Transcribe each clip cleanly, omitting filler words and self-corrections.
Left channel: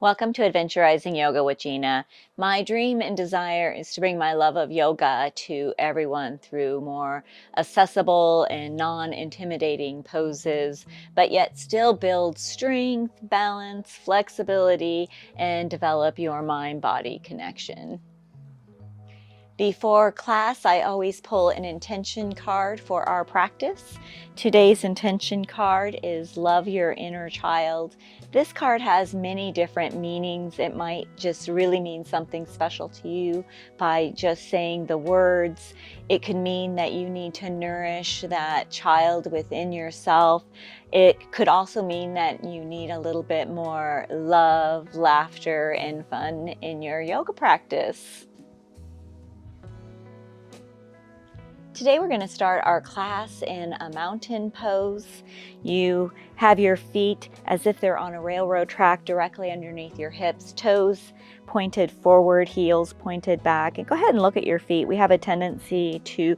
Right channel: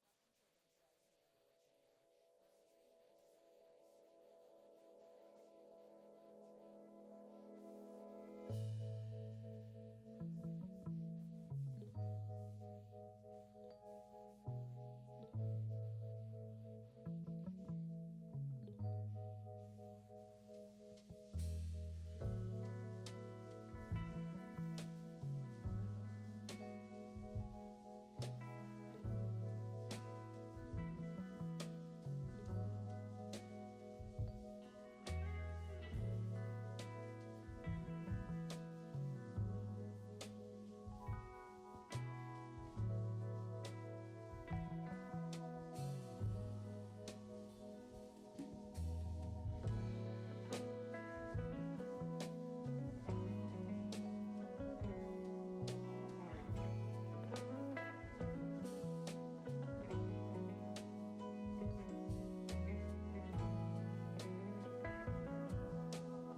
Welcome to Adventurizing Yoga with Gina. My dream and desire is to bring my love of yoga to everyone through more accessible and non-intimidating poses, but yet still build strength, balance, flexibility, and develop your mind-body connection. Before class, I always pull an intention card for our practice. Today's intention card is Love Your Inner Child. This card has many different meanings. It might just really mean something special to you by just saying the words. It could mean that you need to nourish that child within yourself. It could also mean that you need a little bit more love, laughter, and fun in your yoga practice. Today we're going to start our class in a mountain pose. You have your feet as if they're on a railroad track directly underneath your hips, toes pointed forward, heels pointed back. And go ahead and look at your feet. We have a tendency to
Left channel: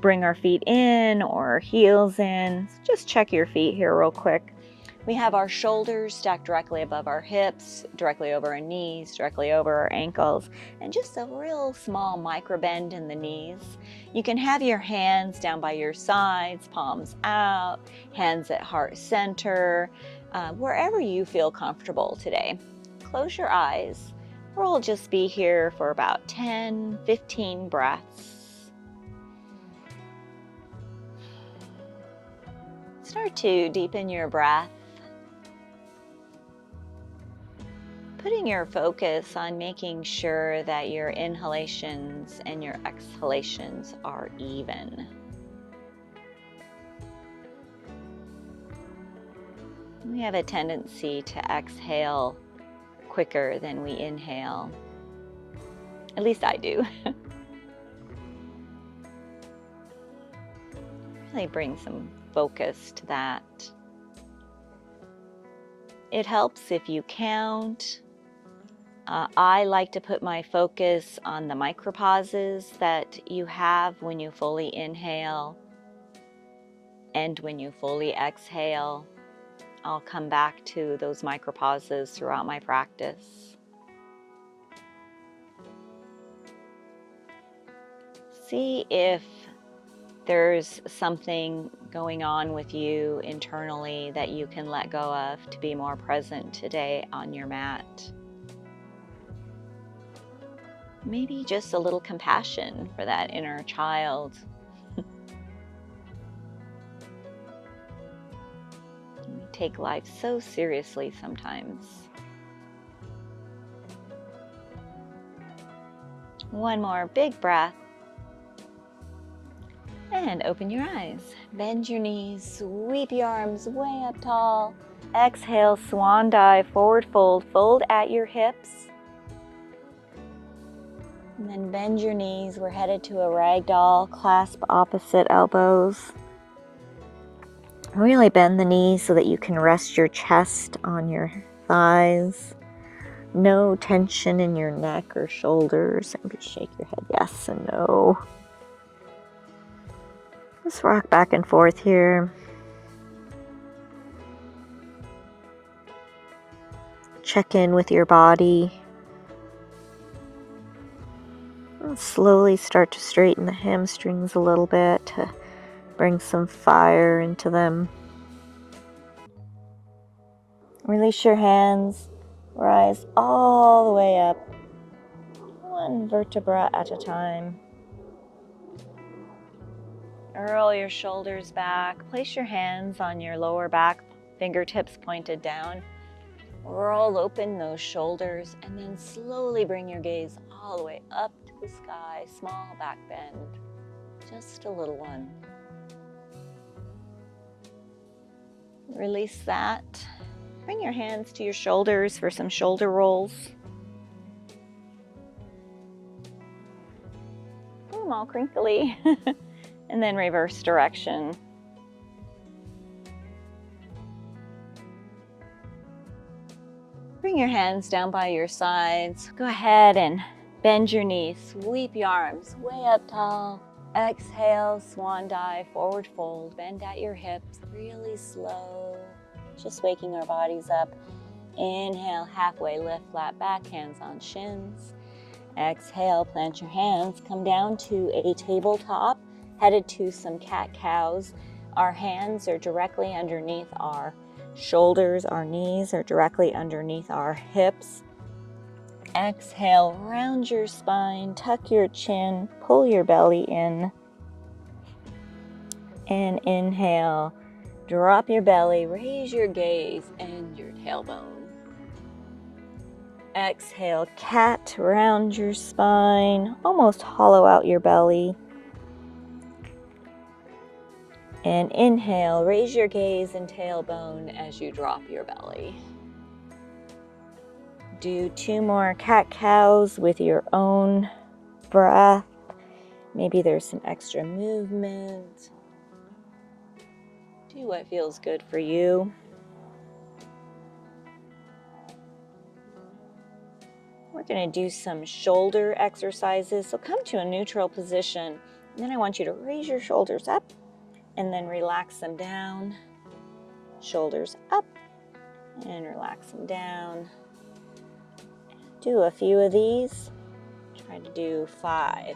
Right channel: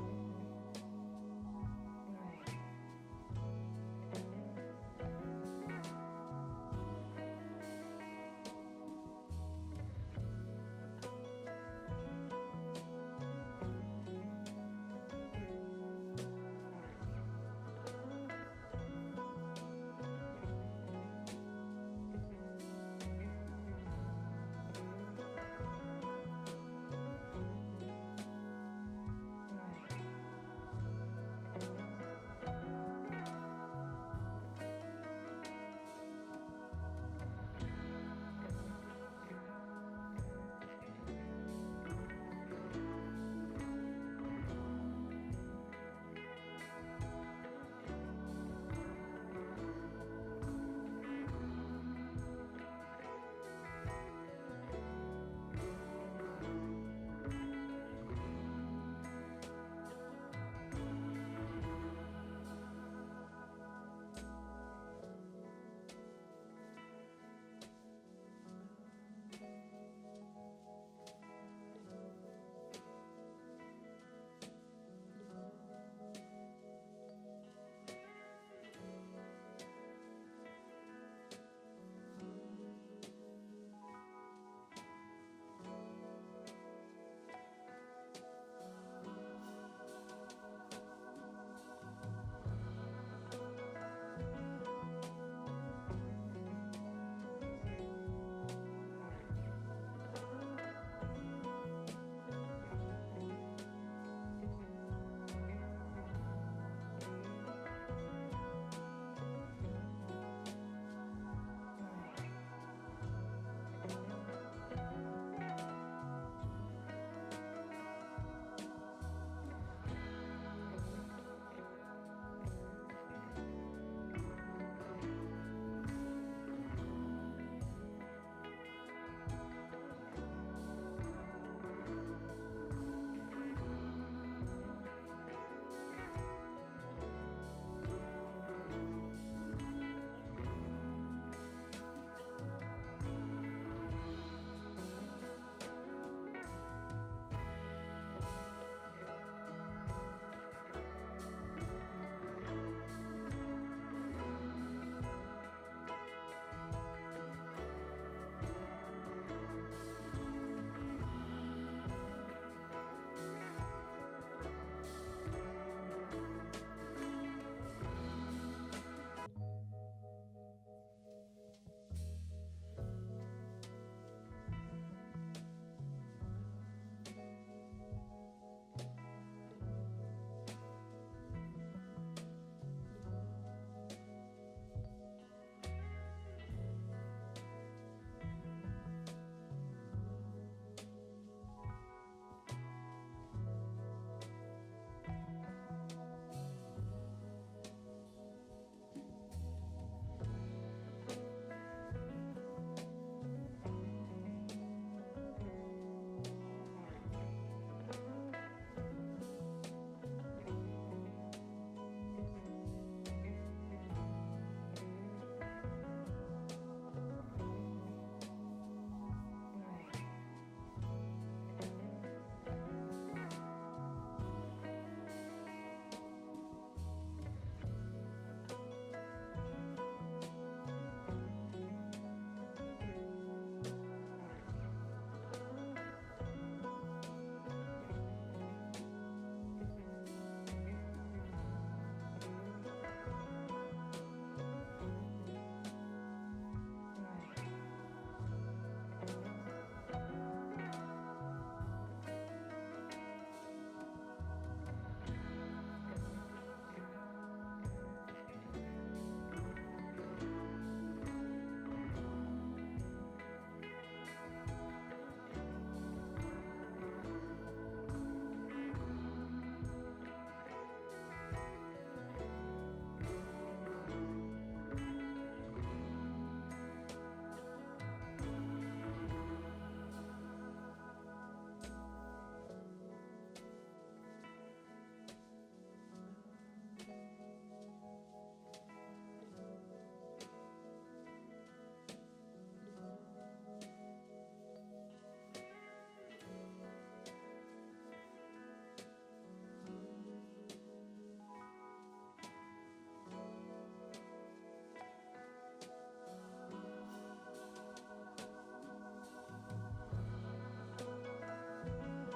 bring our feet in or heels in. So just check your feet here real quick. We have our shoulders stacked directly above our hips, directly over our knees, directly over our ankles, and just a real small micro bend in the knees. You can have your hands down by your sides, palms out, hands at heart center, wherever you feel comfortable today. Close your eyes. We'll just be here for about 10, 15 breaths. Start to deepen your breath, putting your focus on making sure that your inhalations and your exhalations are even. We have a tendency to exhale quicker than we inhale. At least I do. Really bring some focus to that. It helps if you count. I like to put my focus on the micropauses that you have when you fully inhale and when you fully exhale. I'll come back to those micropauses throughout my practice. See if there's something going on with you internally that you can let go of to be more present today on your mat. Maybe just a little compassion for that inner child. Take life so seriously sometimes. One more big breath. And open your eyes. Bend your knees, sweep your arms way up tall. Exhale, swan dive, forward fold, fold at your hips. And then bend your knees. We're headed to a ragdoll, clasp opposite elbows. Really bend the knees so that you can rest your chest on your thighs. No tension in your neck or shoulders. And just shake your head yes and no. Just rock back and forth here. Check in with your body. And slowly start to straighten the hamstrings a little bit to bring some fire into them. Release your hands. Rise all the way up. One vertebra at a time. Roll your shoulders back. Place your hands on your lower back, fingertips pointed down. Roll open those shoulders and then slowly bring your gaze all the way up to the sky. Small back bend. Just a little one. Release that. Bring your hands to your shoulders for some shoulder rolls. Put them all crinkly. And then reverse direction. Bring your hands down by your sides. Go ahead and bend your knees. Sweep your arms way up tall. Exhale, swan dive, forward fold. Bend at your hips, really slow. Just waking our bodies up. Inhale, halfway lift, flat back, hands on shins. Exhale, plant your hands, come down to a tabletop, headed to some cat-cows. Our hands are directly underneath our shoulders, our knees are directly underneath our hips. Exhale, round your spine, tuck your chin, pull your belly in. And inhale, drop your belly, raise your gaze and your tailbone. Exhale, cat, round your spine, almost hollow out your belly. And inhale, raise your gaze and tailbone as you drop your belly. Do 2 more cat-cows with your own breath. Maybe there's some extra movement. Do what feels good for you. We're going to do some shoulder exercises. So come to a neutral position. And then I want you to raise your shoulders up and then relax them down. Shoulders up and relax them down. Do a few of these. Try to do 5.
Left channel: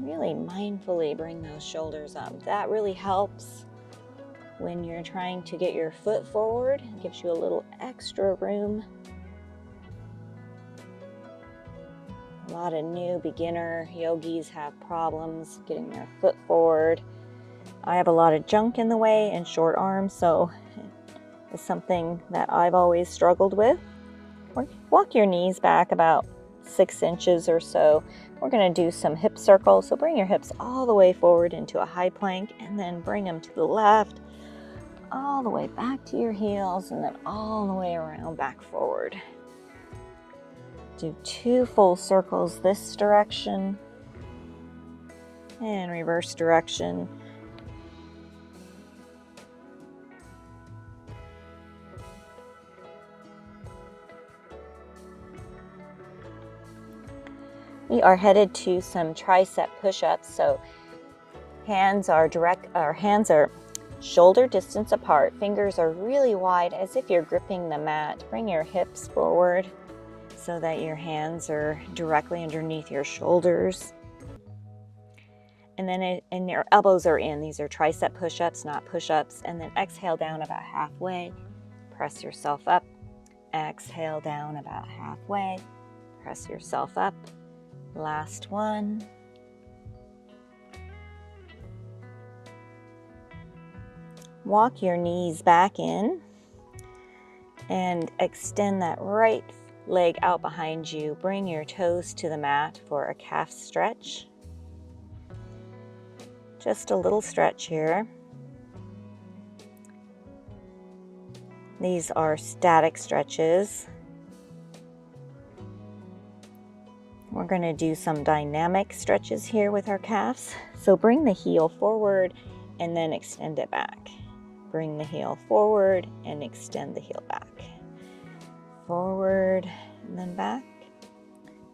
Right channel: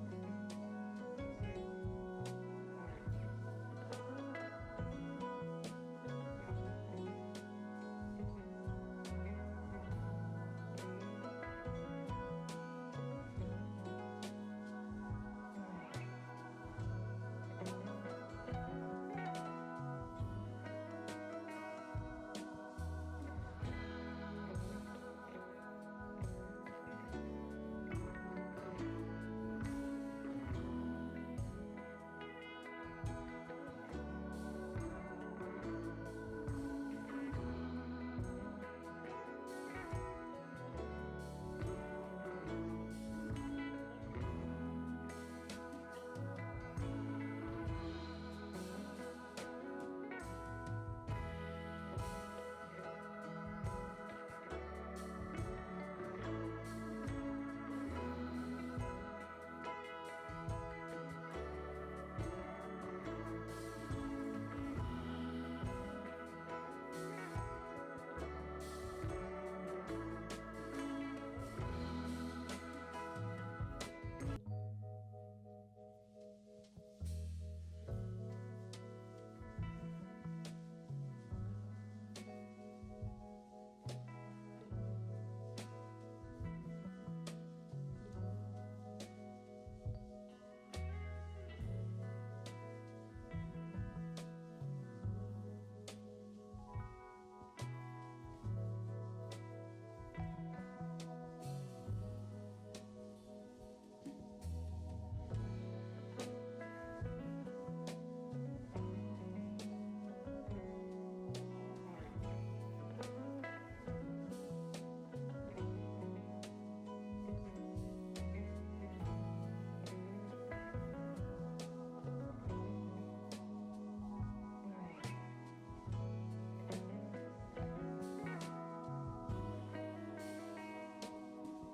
Really mindfully bring those shoulders up. That really helps when you're trying to get your foot forward. It gives you a little extra room. A lot of new beginner yogis have problems getting their foot forward. I have a lot of junk in the way and short arms, so it's something that I've always struggled with. Walk your knees back about 6 inches or so. We're going to do some hip circles, so bring your hips all the way forward into a high plank and then bring them to the left, all the way back to your heels, and then all the way around back forward. Do 2 full circles this direction and reverse direction. We are headed to some tricep push-ups. So our hands are shoulder distance apart. Fingers are really wide as if you're gripping the mat. Bring your hips forward so that your hands are directly underneath your shoulders. And then your elbows are in. These are tricep push-ups, not push-ups. And then exhale down about halfway. Press yourself up. Exhale down about halfway. Press yourself up. Last one. Walk your knees back in and extend that right leg out behind you. Bring your toes to the mat for a calf stretch. Just a little stretch here. These are static stretches. We're going to do some dynamic stretches here with our calves. So bring the heel forward and then extend it back. Bring the heel forward and extend the heel back. Forward and then back.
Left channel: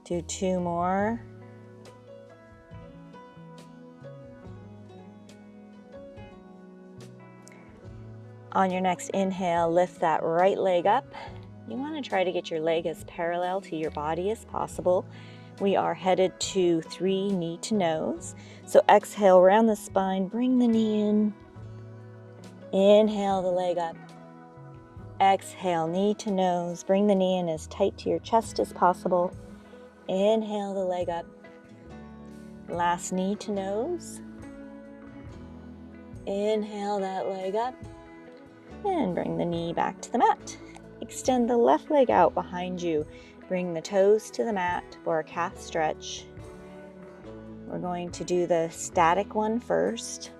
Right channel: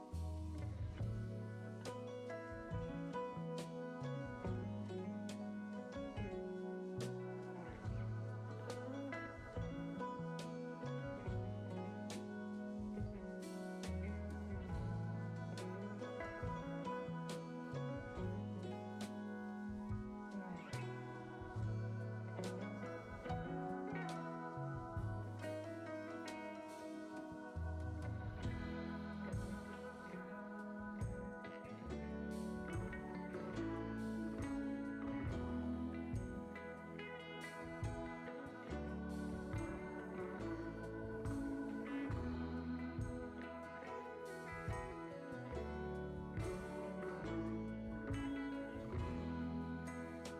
Do 2 more. On your next inhale, lift that right leg up. You want to try to get your leg as parallel to your body as possible. We are headed to 3 knee to nose. So exhale, round the spine, bring the knee in. Inhale the leg up. Exhale, knee to nose. Bring the knee in as tight to your chest as possible. Inhale the leg up. Last knee to nose. Inhale that leg up. And bring the knee back to the mat. Extend the left leg out behind you. Bring the toes to the mat for a calf stretch. We're going to do the static one first.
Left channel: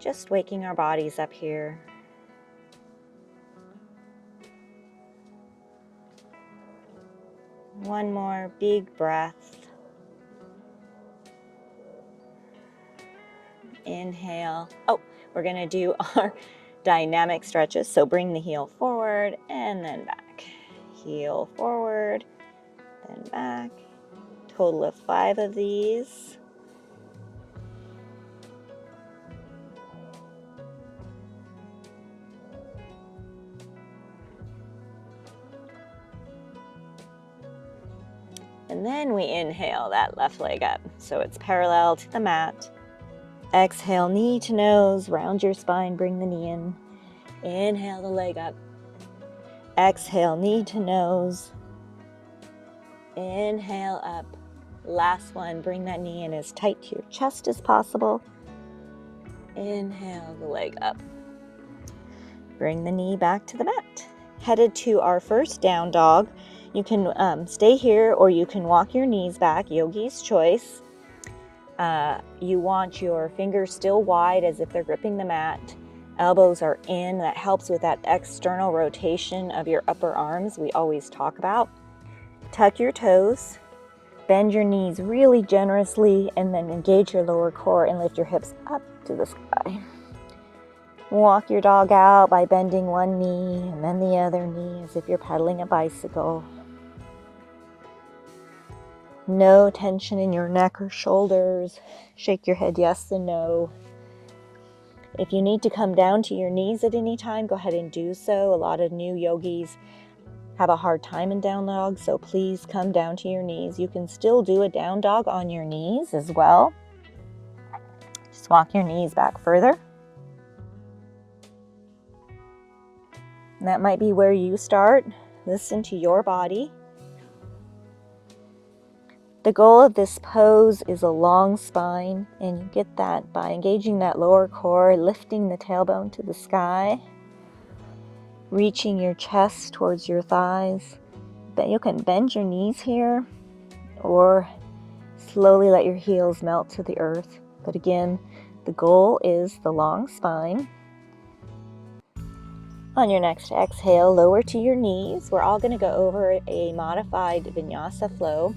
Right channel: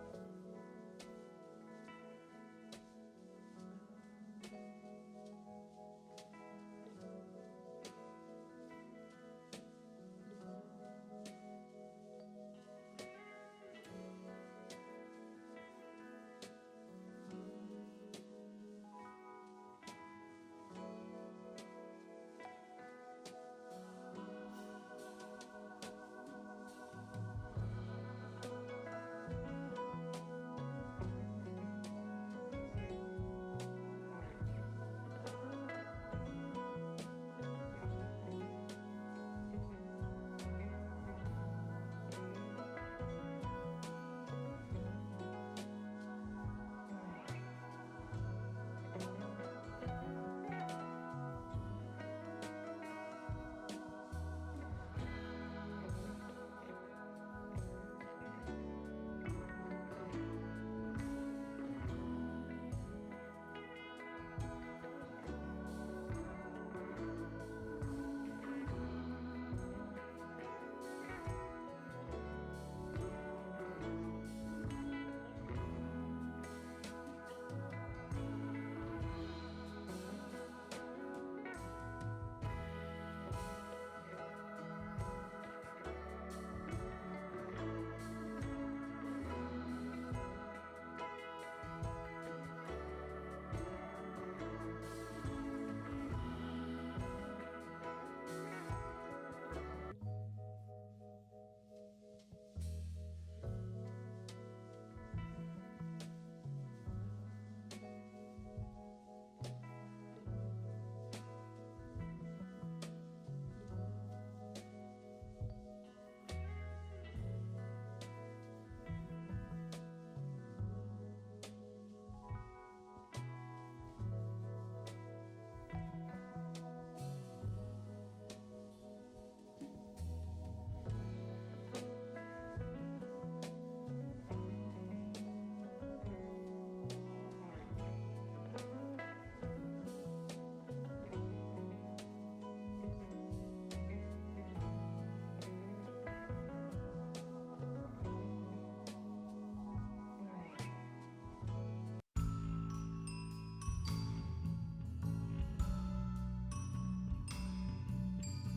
Just waking our bodies up here. One more big breath. Inhale. We're going to do our dynamic stretches. So bring the heel forward and then back. Heel forward, then back. Total of 5 of these. And then we inhale that left leg up so it's parallel to the mat. Exhale, knee to nose, round your spine, bring the knee in. Inhale the leg up. Exhale, knee to nose. Inhale up. Last one, bring that knee in as tight to your chest as possible. Inhale the leg up. Bring the knee back to the mat. Headed to our first down dog. You can stay here or you can walk your knees back, yogi's choice. You want your fingers still wide as if they're gripping the mat. Elbows are in. That helps with that external rotation of your upper arms we always talk about. Tuck your toes. Bend your knees really generously and then engage your lower core and lift your hips up to the sky. Walk your dog out by bending one knee and then the other knee as if you're pedaling a bicycle. No tension in your neck or shoulders. Shake your head yes and no. If you need to come down to your knees at any time, go ahead and do so. A lot of new yogis have a hard time in down dog, so please come down to your knees. You can still do a down dog on your knees as well. Just walk your knees back further. And that might be where you start. Listen to your body. The goal of this pose is a long spine, and you get that by engaging that lower core, lifting the tailbone to the sky, reaching your chest towards your thighs. But you can bend your knees here or slowly let your heels melt to the earth. But again, the goal is the long spine. On your next exhale, lower to your knees. We're all going to go over a modified Vinyasa flow.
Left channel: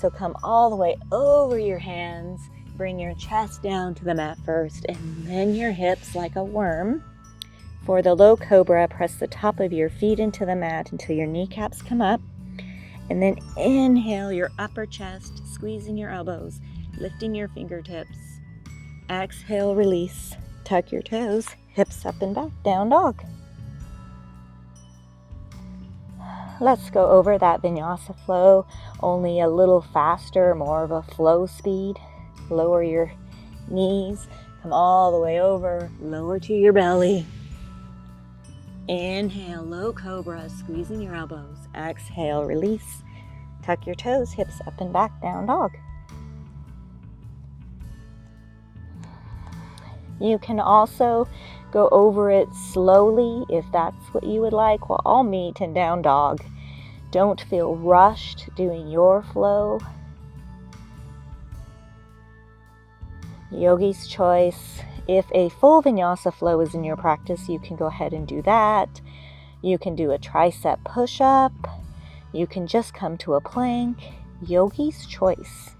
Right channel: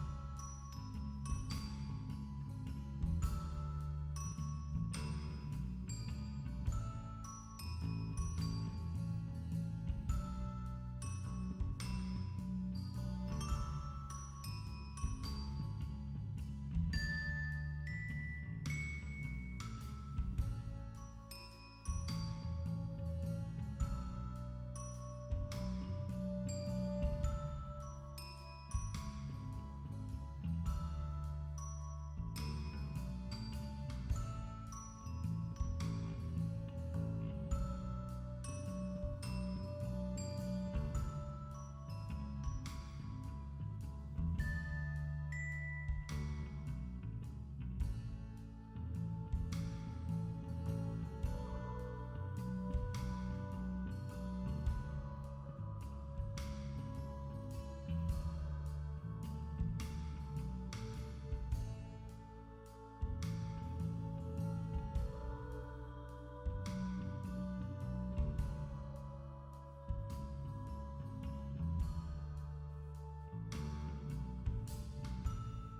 So come all the way over your hands, bring your chest down to the mat first, and then your hips like a worm. For the low cobra, press the top of your feet into the mat until your kneecaps come up. And then inhale your upper chest, squeezing your elbows, lifting your fingertips. Exhale, release. Tuck your toes, hips up and back, down dog. Let's go over that Vinyasa flow, only a little faster, more of a flow speed. Lower your knees, come all the way over, lower to your belly. Inhale, low cobra, squeezing your elbows. Exhale, release. Tuck your toes, hips up and back, down dog. You can also go over it slowly if that's what you would like. We'll all meet in down dog. Don't feel rushed doing your flow. Yogi's choice. If a full Vinyasa flow is in your practice, you can go ahead and do that. You can do a tricep push-up. You can just come to a plank. Yogi's choice.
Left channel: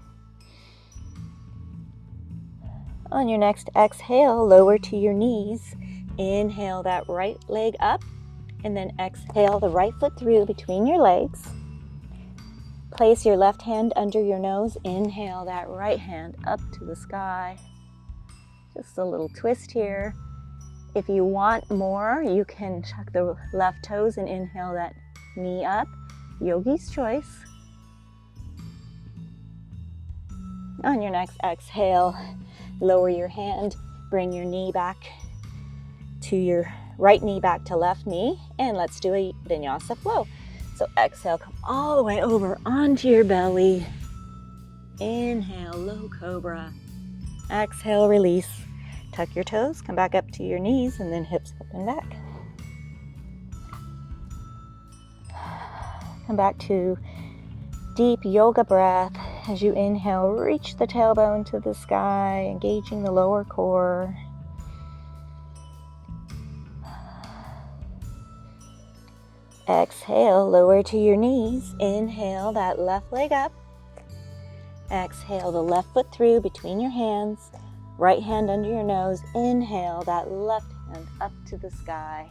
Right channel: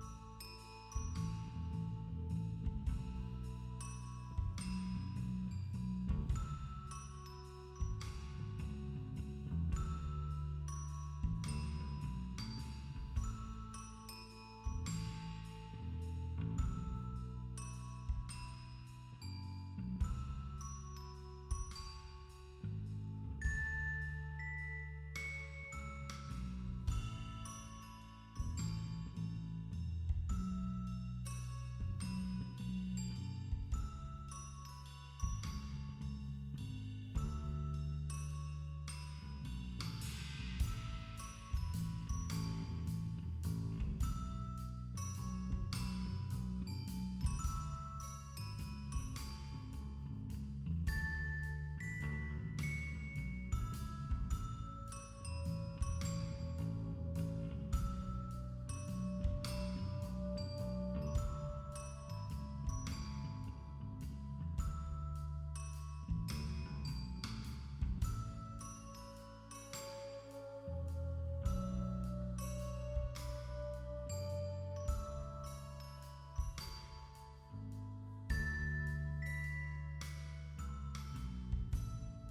On your next exhale, lower to your knees. Inhale that right leg up, and then exhale the right foot through between your legs. Place your left hand under your nose. Inhale that right hand up to the sky. Just a little twist here. If you want more, you can tuck the left toes and inhale that knee up. Yogi's choice. On your next exhale, lower your hand, bring your knee back to your right knee back to left knee, and let's do a Vinyasa flow. So exhale, come all the way over onto your belly. Inhale, low cobra. Exhale, release. Tuck your toes, come back up to your knees, and then hips up and back. Come back to deep yoga breath. As you inhale, reach the tailbone to the sky, engaging the lower core. Exhale, lower to your knees. Inhale that left leg up. Exhale the left foot through between your hands. Right hand under your nose. Inhale that left hand up to the sky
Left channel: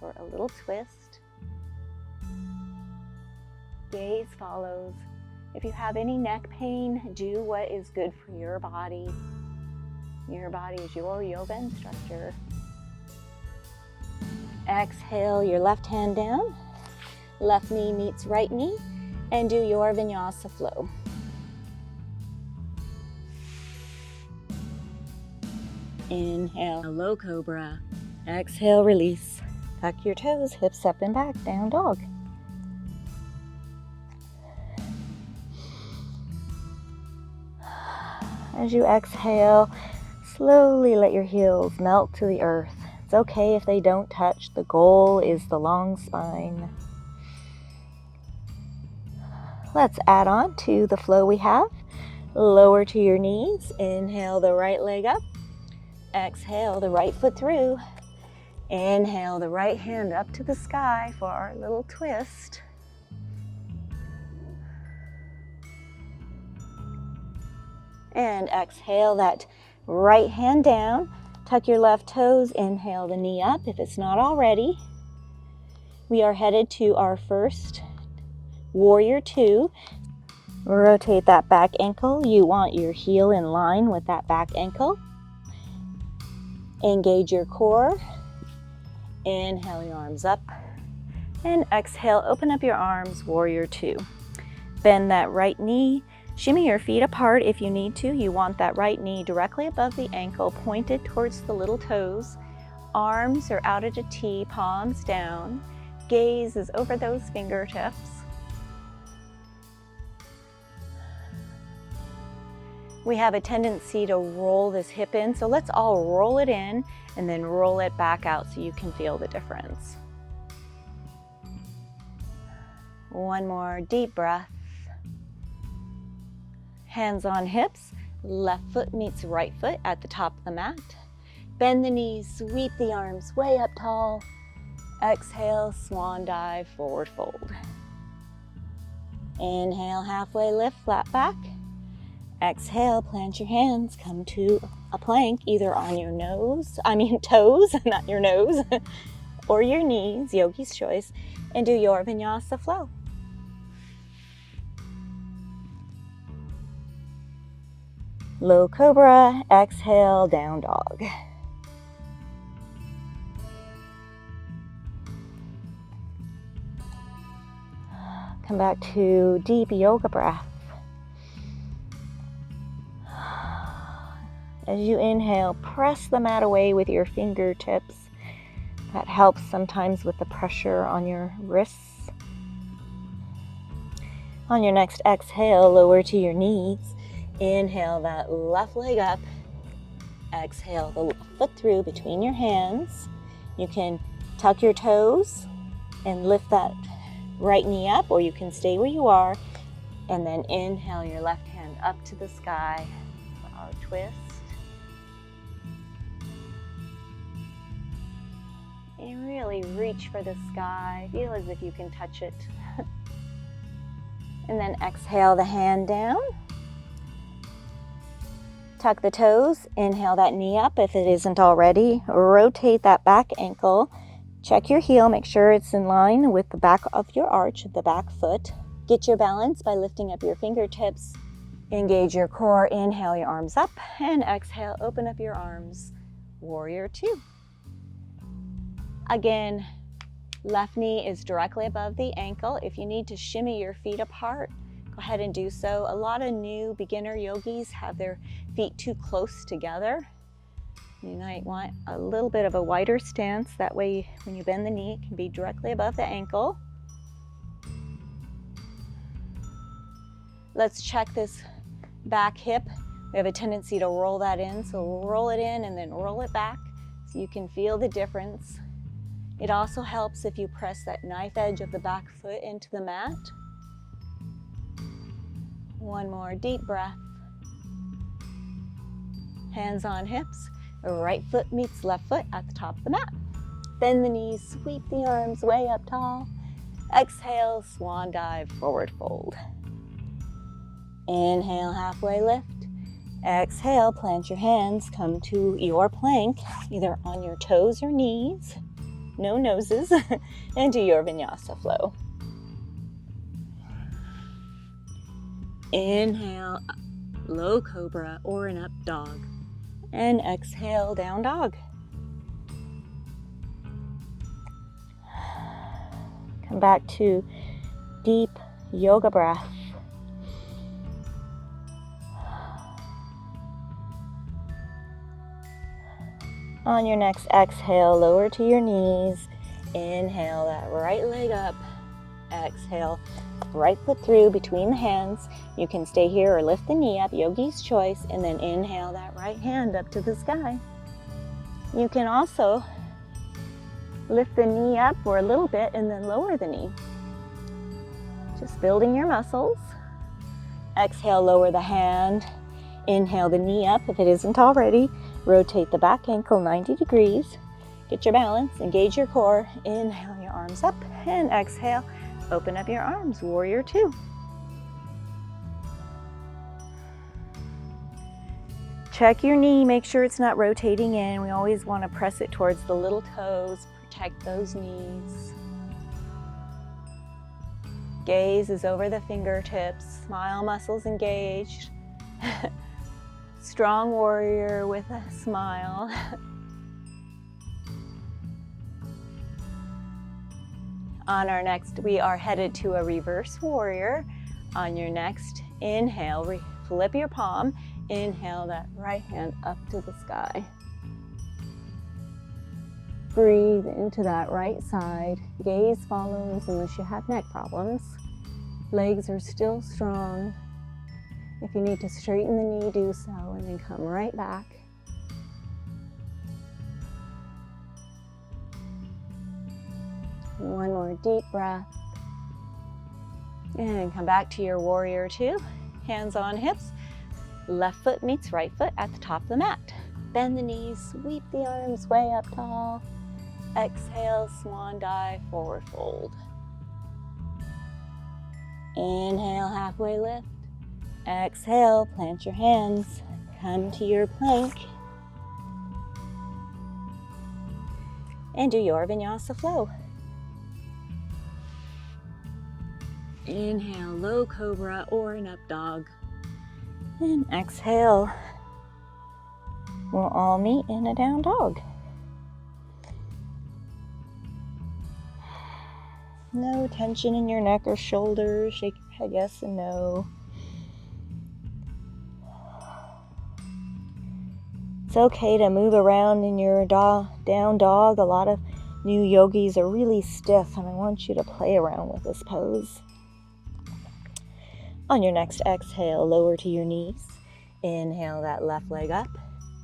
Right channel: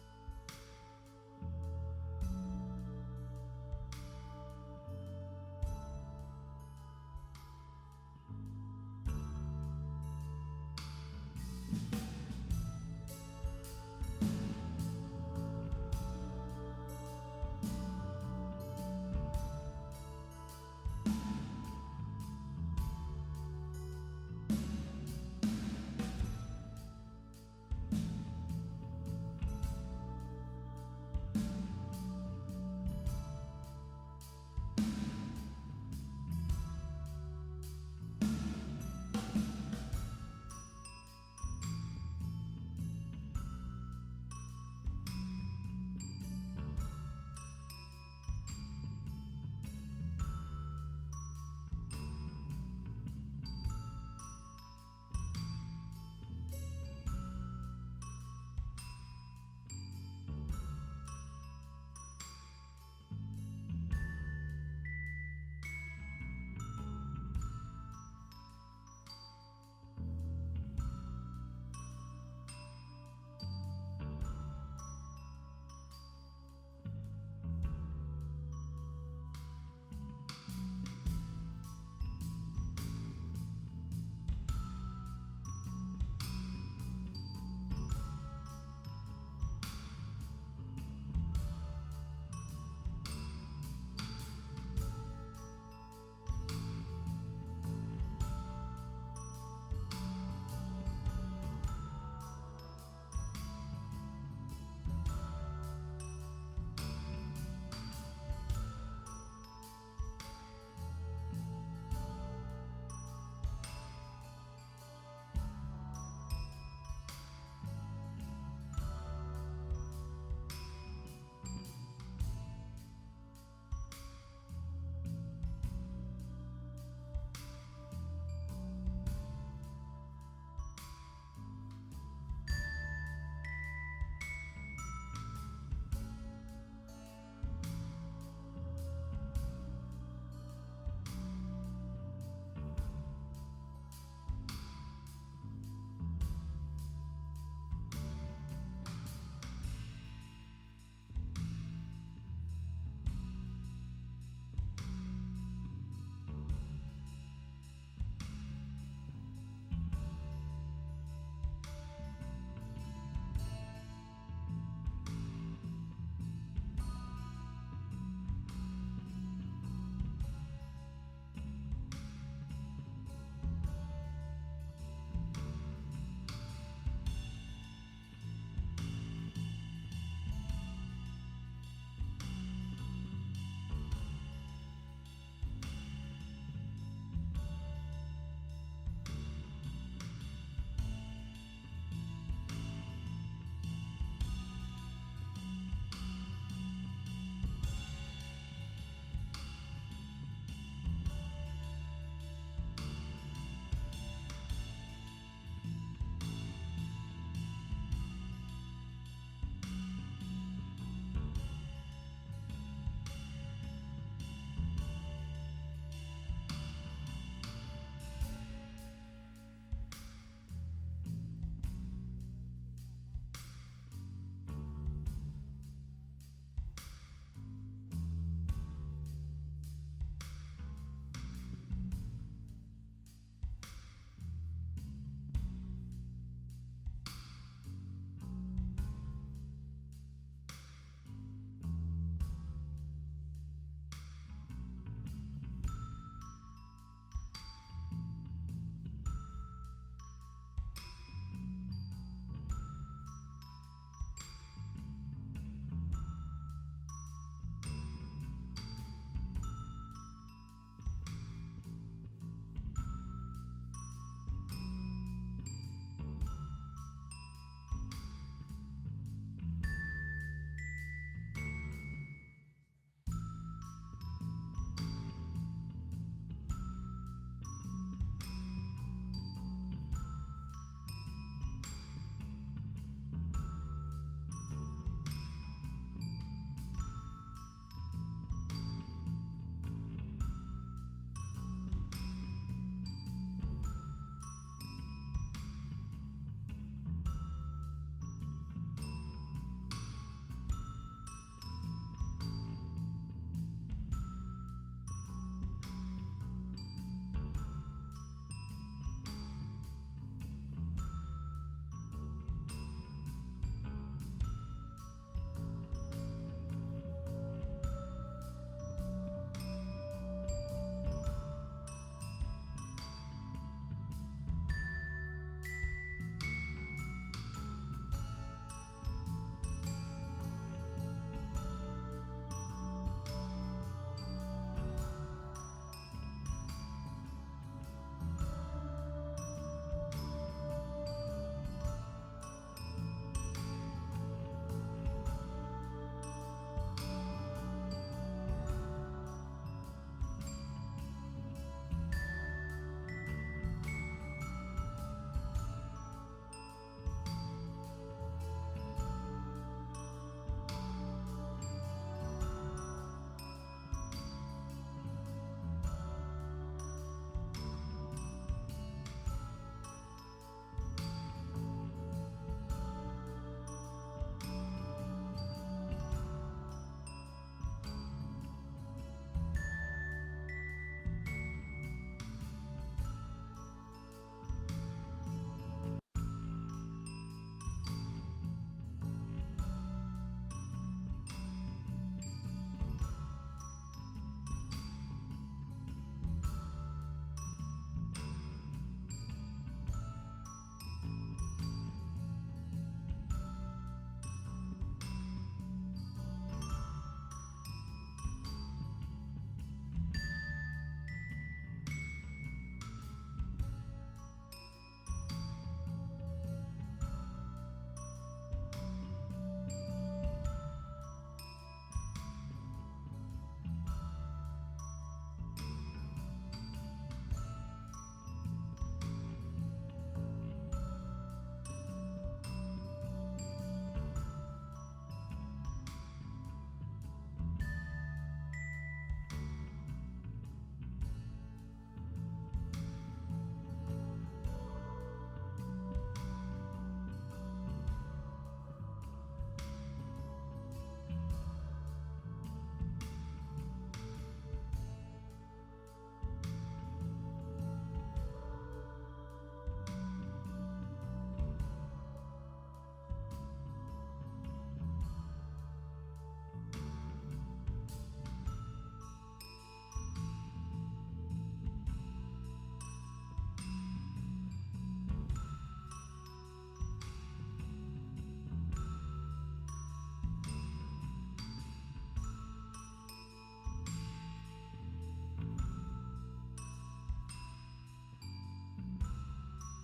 for a little twist. Gaze follows. If you have any neck pain, do what is good for your body. Your body is your yoga instructor. Exhale your left hand down. Left knee meets right knee. and do your Vinyasa flow. Inhale, low cobra. Exhale, release. Tuck your toes, hips up and back, down dog. As you exhale, slowly let your heels melt to the earth. It's okay if they don't touch. The goal is the long spine. Let's add on to the flow we have. Lower to your knees. Inhale the right leg up. Exhale the right foot through. Inhale the right hand up to the sky for our little twist. And exhale that right hand down. Tuck your left toes. Inhale the knee up if it's not already. We are headed to our first warrior two. Rotate that back ankle. You want your heel in line with that back ankle. Engage your core. Inhale your arms up. And exhale, open up your arms, warrior two. Bend that right knee. Shimmy your feet apart if you need to. You want that right knee directly above the ankle, pointed towards the little toes. Arms are out at a T, palms down. Gaze is over those fingertips. We have a tendency to roll this hip in, so let's all roll it in and then roll it back out so you can feel the difference. One more deep breath. Hands on hips, left foot meets right foot at the top of the mat. Bend the knees, sweep the arms way up tall. Exhale, swan dive, forward fold. Inhale, halfway lift, flat back. Exhale, plant your hands, come to a plank, either on your toes, not your nose, or your knees, yogi's choice, and do your Vinyasa flow. Low cobra, exhale, down dog. Come back to deep yoga breath. As you inhale, press the mat away with your fingertips. That helps sometimes with the pressure on your wrists. On your next exhale, lower to your knees. Inhale that left leg up. Exhale the foot through between your hands. You can tuck your toes and lift that right knee up, or you can stay where you are. And then inhale your left hand up to the sky for our twist. And really reach for the sky. Feel as if you can touch it. And then exhale the hand down. Tuck the toes. Inhale that knee up if it isn't already. Rotate that back ankle. Check your heel. Make sure it's in line with the back of your arch of the back foot. Get your balance by lifting up your fingertips. Engage your core. Inhale your arms up. And exhale, open up your arms. Warrior two. Again, left knee is directly above the ankle. If you need to shimmy your feet apart, go ahead and do so. A lot of new beginner yogis have their feet too close together. You might want a little bit of a wider stance. That way, when you bend the knee, it can be directly above the ankle. Let's check this back hip. We have a tendency to roll that in, so we'll roll it in and then roll it back so you can feel the difference. It also helps if you press that knife edge of the back foot into the mat. One more deep breath. Hands on hips. Right foot meets left foot at the top of the mat. Bend the knees, sweep the arms way up tall. Exhale, swan dive, forward fold. Inhale, halfway lift. Exhale, plant your hands, come to your plank, either on your toes or knees. No noses, and do your Vinyasa flow. Inhale, low cobra or an up dog. And exhale, down dog. Come back to deep yoga breath. On your next exhale, lower to your knees. Inhale that right leg up. Exhale, right foot through between the hands. You can stay here or lift the knee up, yogi's choice, and then inhale that right hand up to the sky. You can also lift the knee up for a little bit and then lower the knee. Just building your muscles. Exhale, lower the hand. Inhale the knee up if it isn't already. Rotate the back ankle 90 degrees. Get your balance, engage your core. Inhale your arms up and exhale. Open up your arms, warrior two. Check your knee, make sure it's not rotating in. We always want to press it towards the little toes, protect those knees. Gaze is over the fingertips, smile muscles engaged. Strong warrior with a smile. On our next, we are headed to a reverse warrior. On your next inhale, flip your palm. Inhale that right hand up to the sky. Breathe into that right side. Gaze follows unless you have neck problems. Legs are still strong. If you need to straighten the knee, do so, and then come right back. One more deep breath. And come back to your warrior two. Hands on hips. Left foot meets right foot at the top of the mat. Bend the knees, sweep the arms way up tall. Exhale, swan dive, forward fold. Inhale, halfway lift. Exhale, plant your hands. Come to your plank. And do your Vinyasa flow. Inhale, low cobra or an up dog. And exhale. We'll all meet in a down dog. No tension in your neck or shoulders. Shake your head yes and no. It's okay to move around in your down dog. A lot of new yogis are really stiff, and I want you to play around with this pose. On your next exhale, lower to your knees. Inhale that left leg up.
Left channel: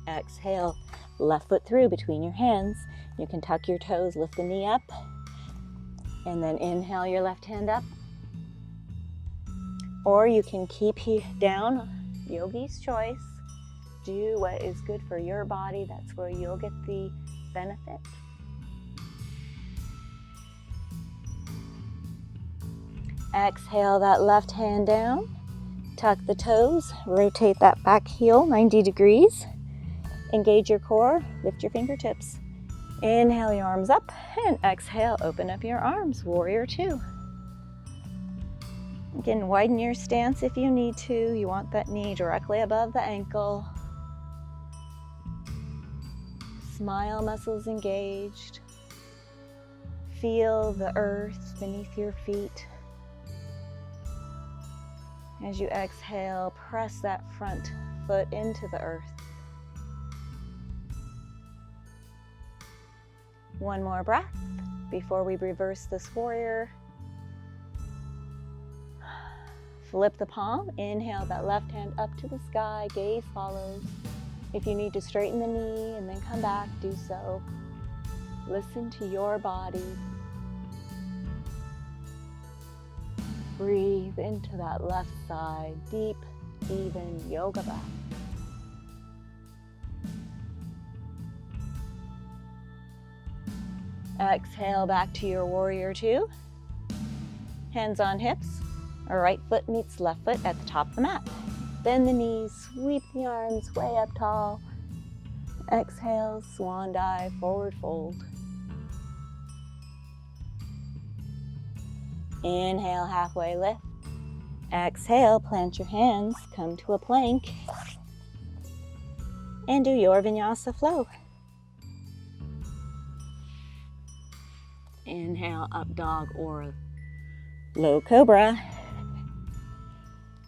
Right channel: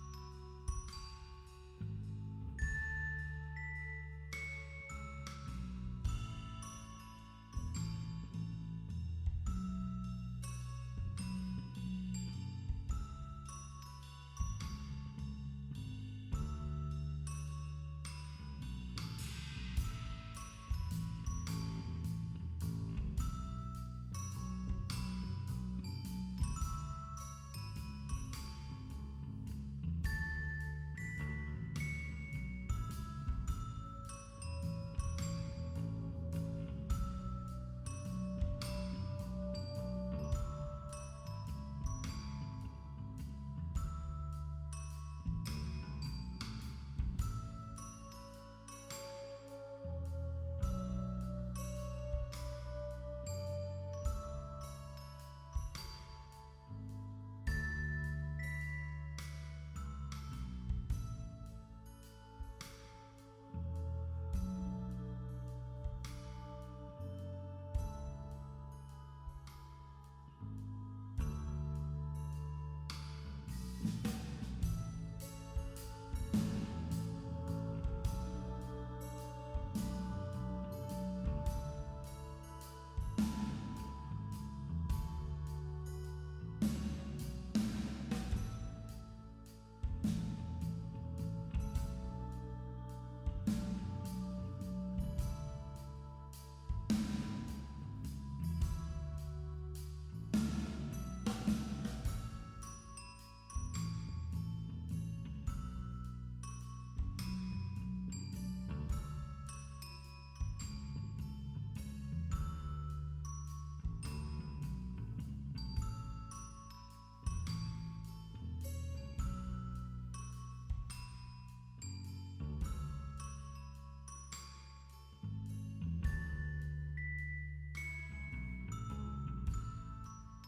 Exhale, left foot through between your hands. You can tuck your toes, lift the knee up, and then inhale your left hand up. Or you can keep down, yogi's choice. Do what is good for your body. That's where you'll get the benefit. Exhale that left hand down. Tuck the toes. Rotate that back heel 90 degrees. Engage your core. Lift your fingertips. Inhale your arms up. And exhale, open up your arms. Warrior two. Again, widen your stance if you need to. You want that knee directly above the ankle. Smile muscles engaged. Feel the earth beneath your feet. As you exhale, press that front foot into the earth. One more breath before we reverse this warrior. Flip the palm. Inhale that left hand up to the sky. Gaze follows. If you need to straighten the knee and then come back, do so. Listen to your body. Breathe into that left side. Deep, even yoga breath. Exhale back to your warrior two. Hands on hips. Our right foot meets left foot at the top of the mat. Bend the knees, sweep the arms way up tall. Exhale, swan dive, forward fold. Inhale, halfway lift. Exhale, plant your hands, come to a plank. And do your Vinyasa flow. Inhale, up dog or low cobra.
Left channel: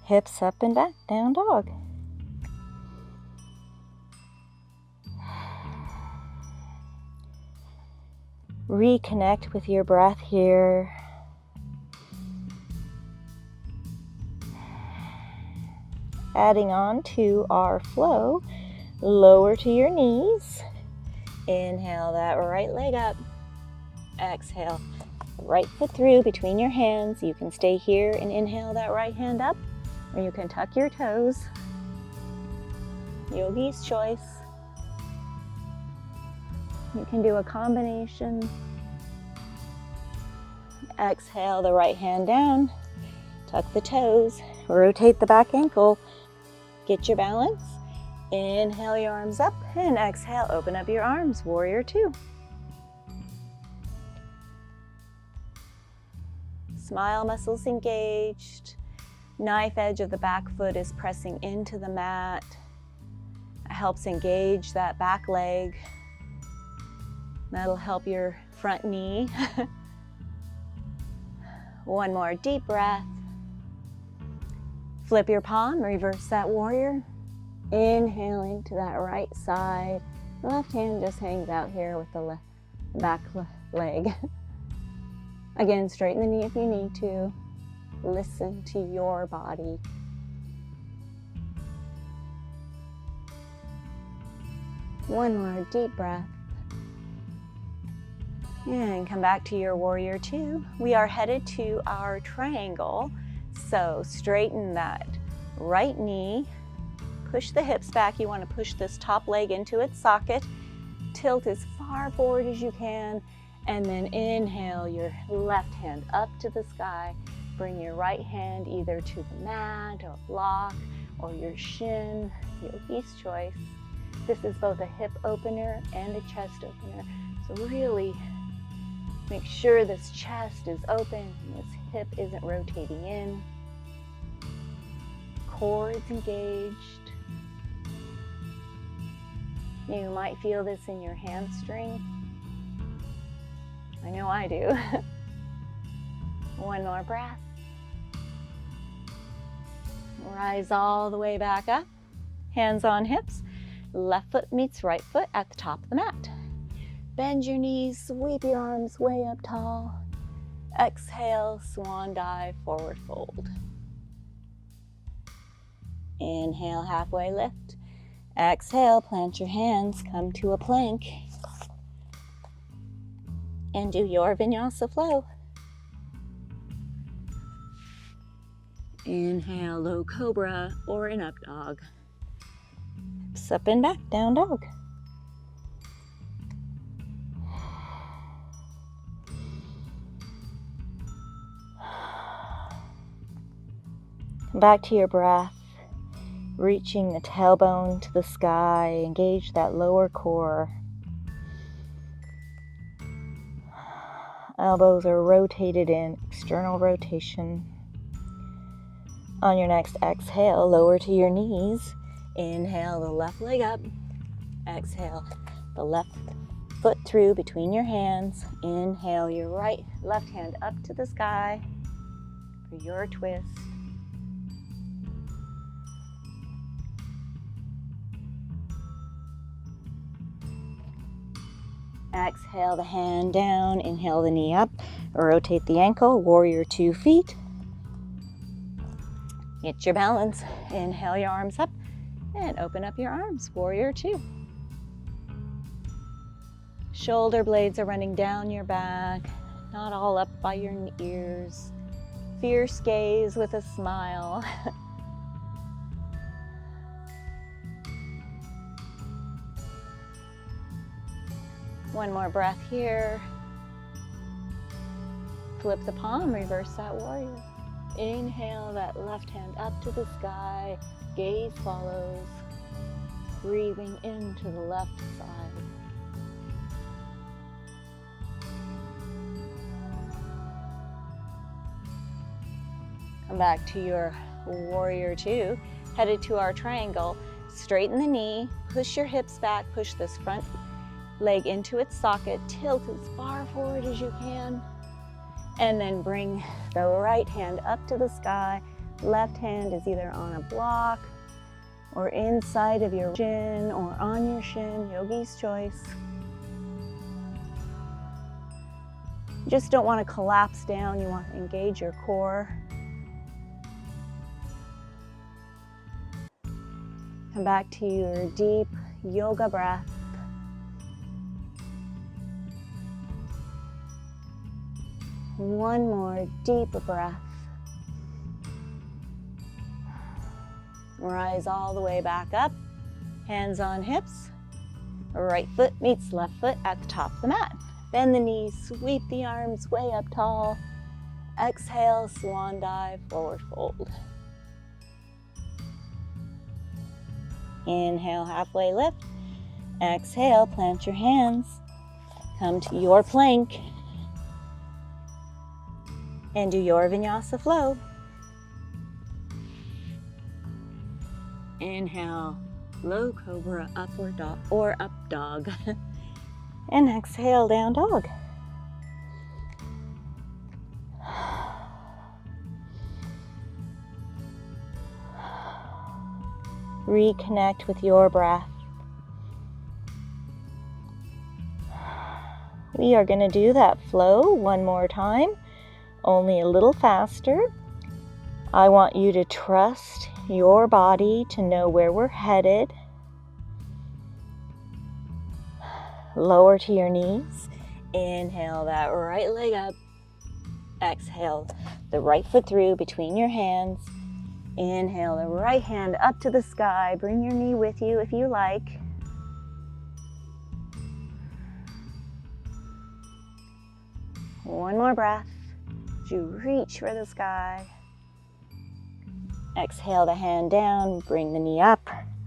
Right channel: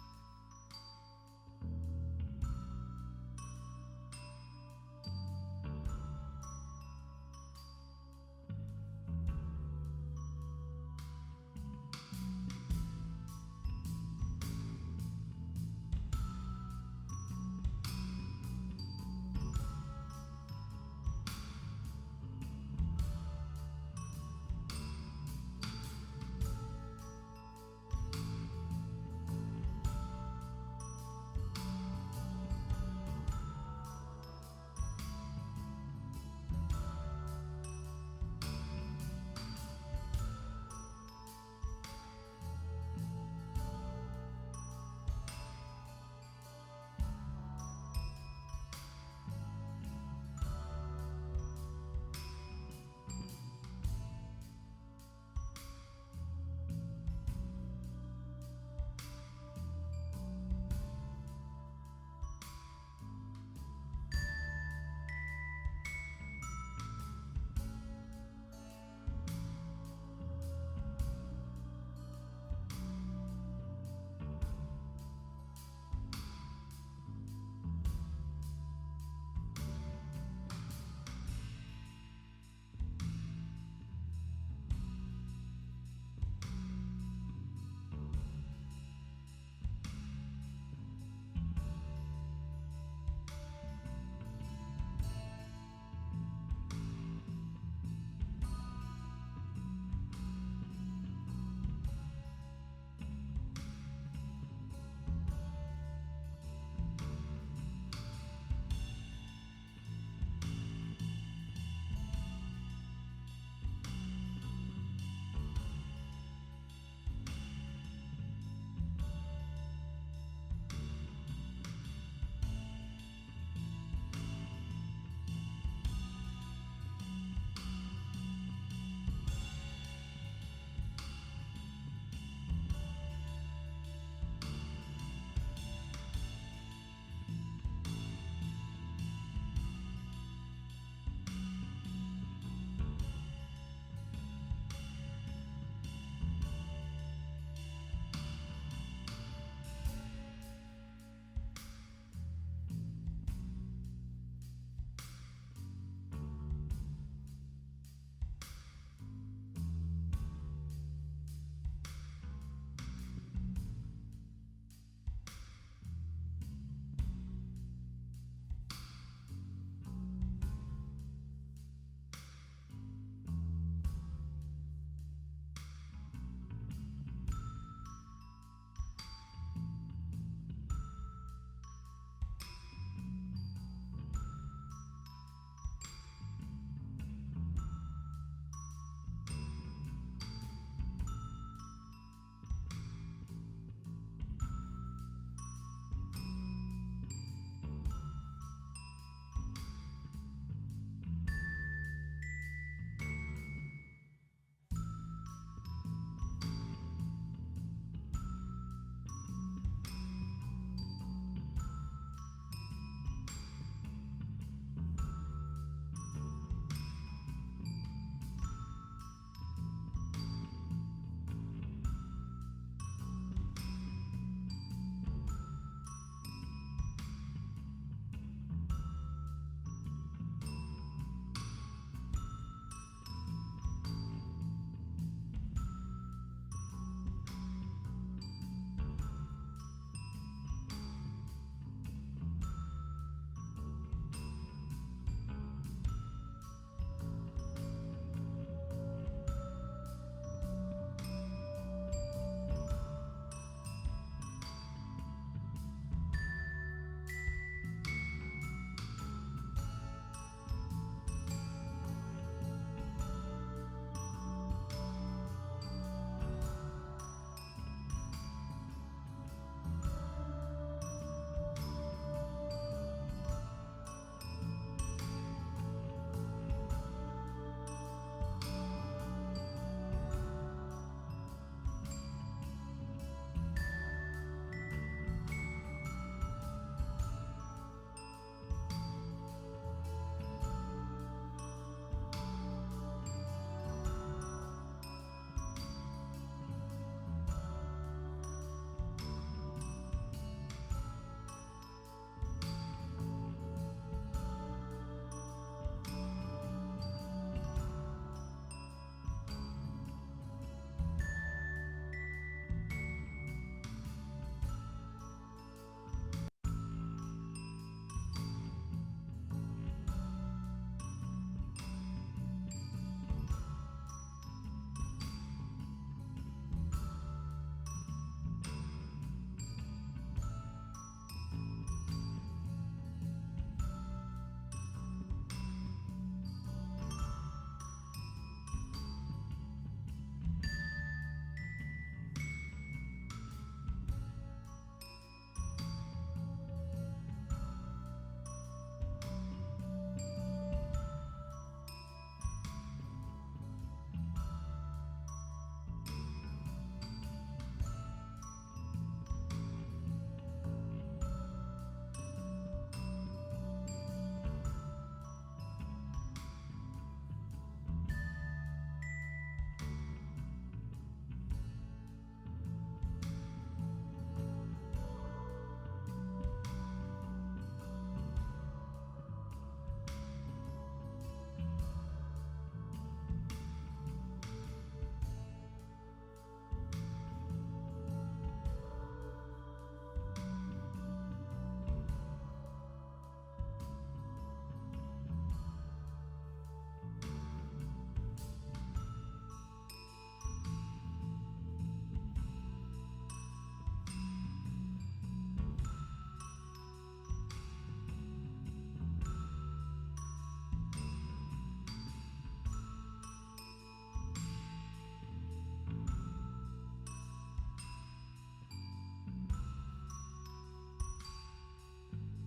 Hips up and back, down dog. Reconnect with your breath here. Adding on to our flow, lower to your knees. Inhale that right leg up. Exhale, right foot through between your hands. You can stay here and inhale that right hand up, or you can tuck your toes. Yogi's choice. You can do a combination. Exhale the right hand down, tuck the toes, rotate the back ankle, get your balance. Inhale your arms up and exhale, open up your arms, warrior two. Smile muscles engaged. Knife edge of the back foot is pressing into the mat. It helps engage that back leg. That'll help your front knee. One more deep breath. Flip your palm, reverse that warrior. Inhaling to that right side. Left hand just hangs out here with the back leg. Again, straighten the knee if you need to. Listen to your body. One more deep breath. And come back to your warrior two. We are headed to our triangle. So straighten that right knee. Push the hips back. You want to push this top leg into its socket. Tilt as far forward as you can. And then inhale your left hand up to the sky. Bring your right hand either to the mat or block or your shin, yogi's choice. This is both a hip opener and a chest opener. So really make sure this chest is open and this hip isn't rotating in. Core is engaged. You might feel this in your hamstring. I know I do. One more breath. Rise all the way back up. Hands on hips. Left foot meets right foot at the top of the mat. Bend your knees, sweep your arms way up tall. Exhale, swan dive, forward fold. Inhale, halfway lift. Exhale, plant your hands, come to a plank. And do your Vinyasa flow. Inhale, low cobra or an up dog. Hips up and back, down dog. Back to your breath, reaching the tailbone to the sky. Engage that lower core. Elbows are rotated in, external rotation. On your next exhale, lower to your knees. Inhale the left leg up. Exhale the left foot through between your hands. Inhale your left hand up to the sky for your twist. Exhale the hand down, inhale the knee up, rotate the ankle, warrior 2 feet. Get your balance, inhale your arms up, and open up your arms, warrior 2. Shoulder blades are running down your back, not all up by your ears. Fierce gaze with a smile. One more breath here. Flip the palm, reverse that warrior. Inhale that left hand up to the sky. Gaze follows. Breathing into the left side. Come back to your warrior 2. Headed to our triangle. Straighten the knee. Push your hips back. Push this front leg into its socket, tilt as far forward as you can, and then bring the right hand up to the sky, Left hand is either on a block or inside of your shin or on your shin, yogi's choice. You just don't want to collapse down, you want to engage your core. Come back to your deep yoga breath. One more deep breath. Rise all the way back up. Hands on hips. Right foot meets left foot at the top of the mat. Bend the knees, sweep the arms way up tall. Exhale, swan dive, forward fold. Inhale, halfway lift. Exhale, plant your hands. Come to your plank. And do your Vinyasa flow. Inhale, low cobra, upward dog, or up dog. And exhale, down dog. Reconnect with your breath. We are going to do that flow one more time, only a little faster. I want you to trust your body to know where we're headed. Lower to your knees. Inhale that right leg up. Exhale the right foot through between your hands. Inhale the right hand up to the sky. Bring your knee with you if you like. One more breath. As you reach for the sky. Exhale the hand down. Bring the knee up.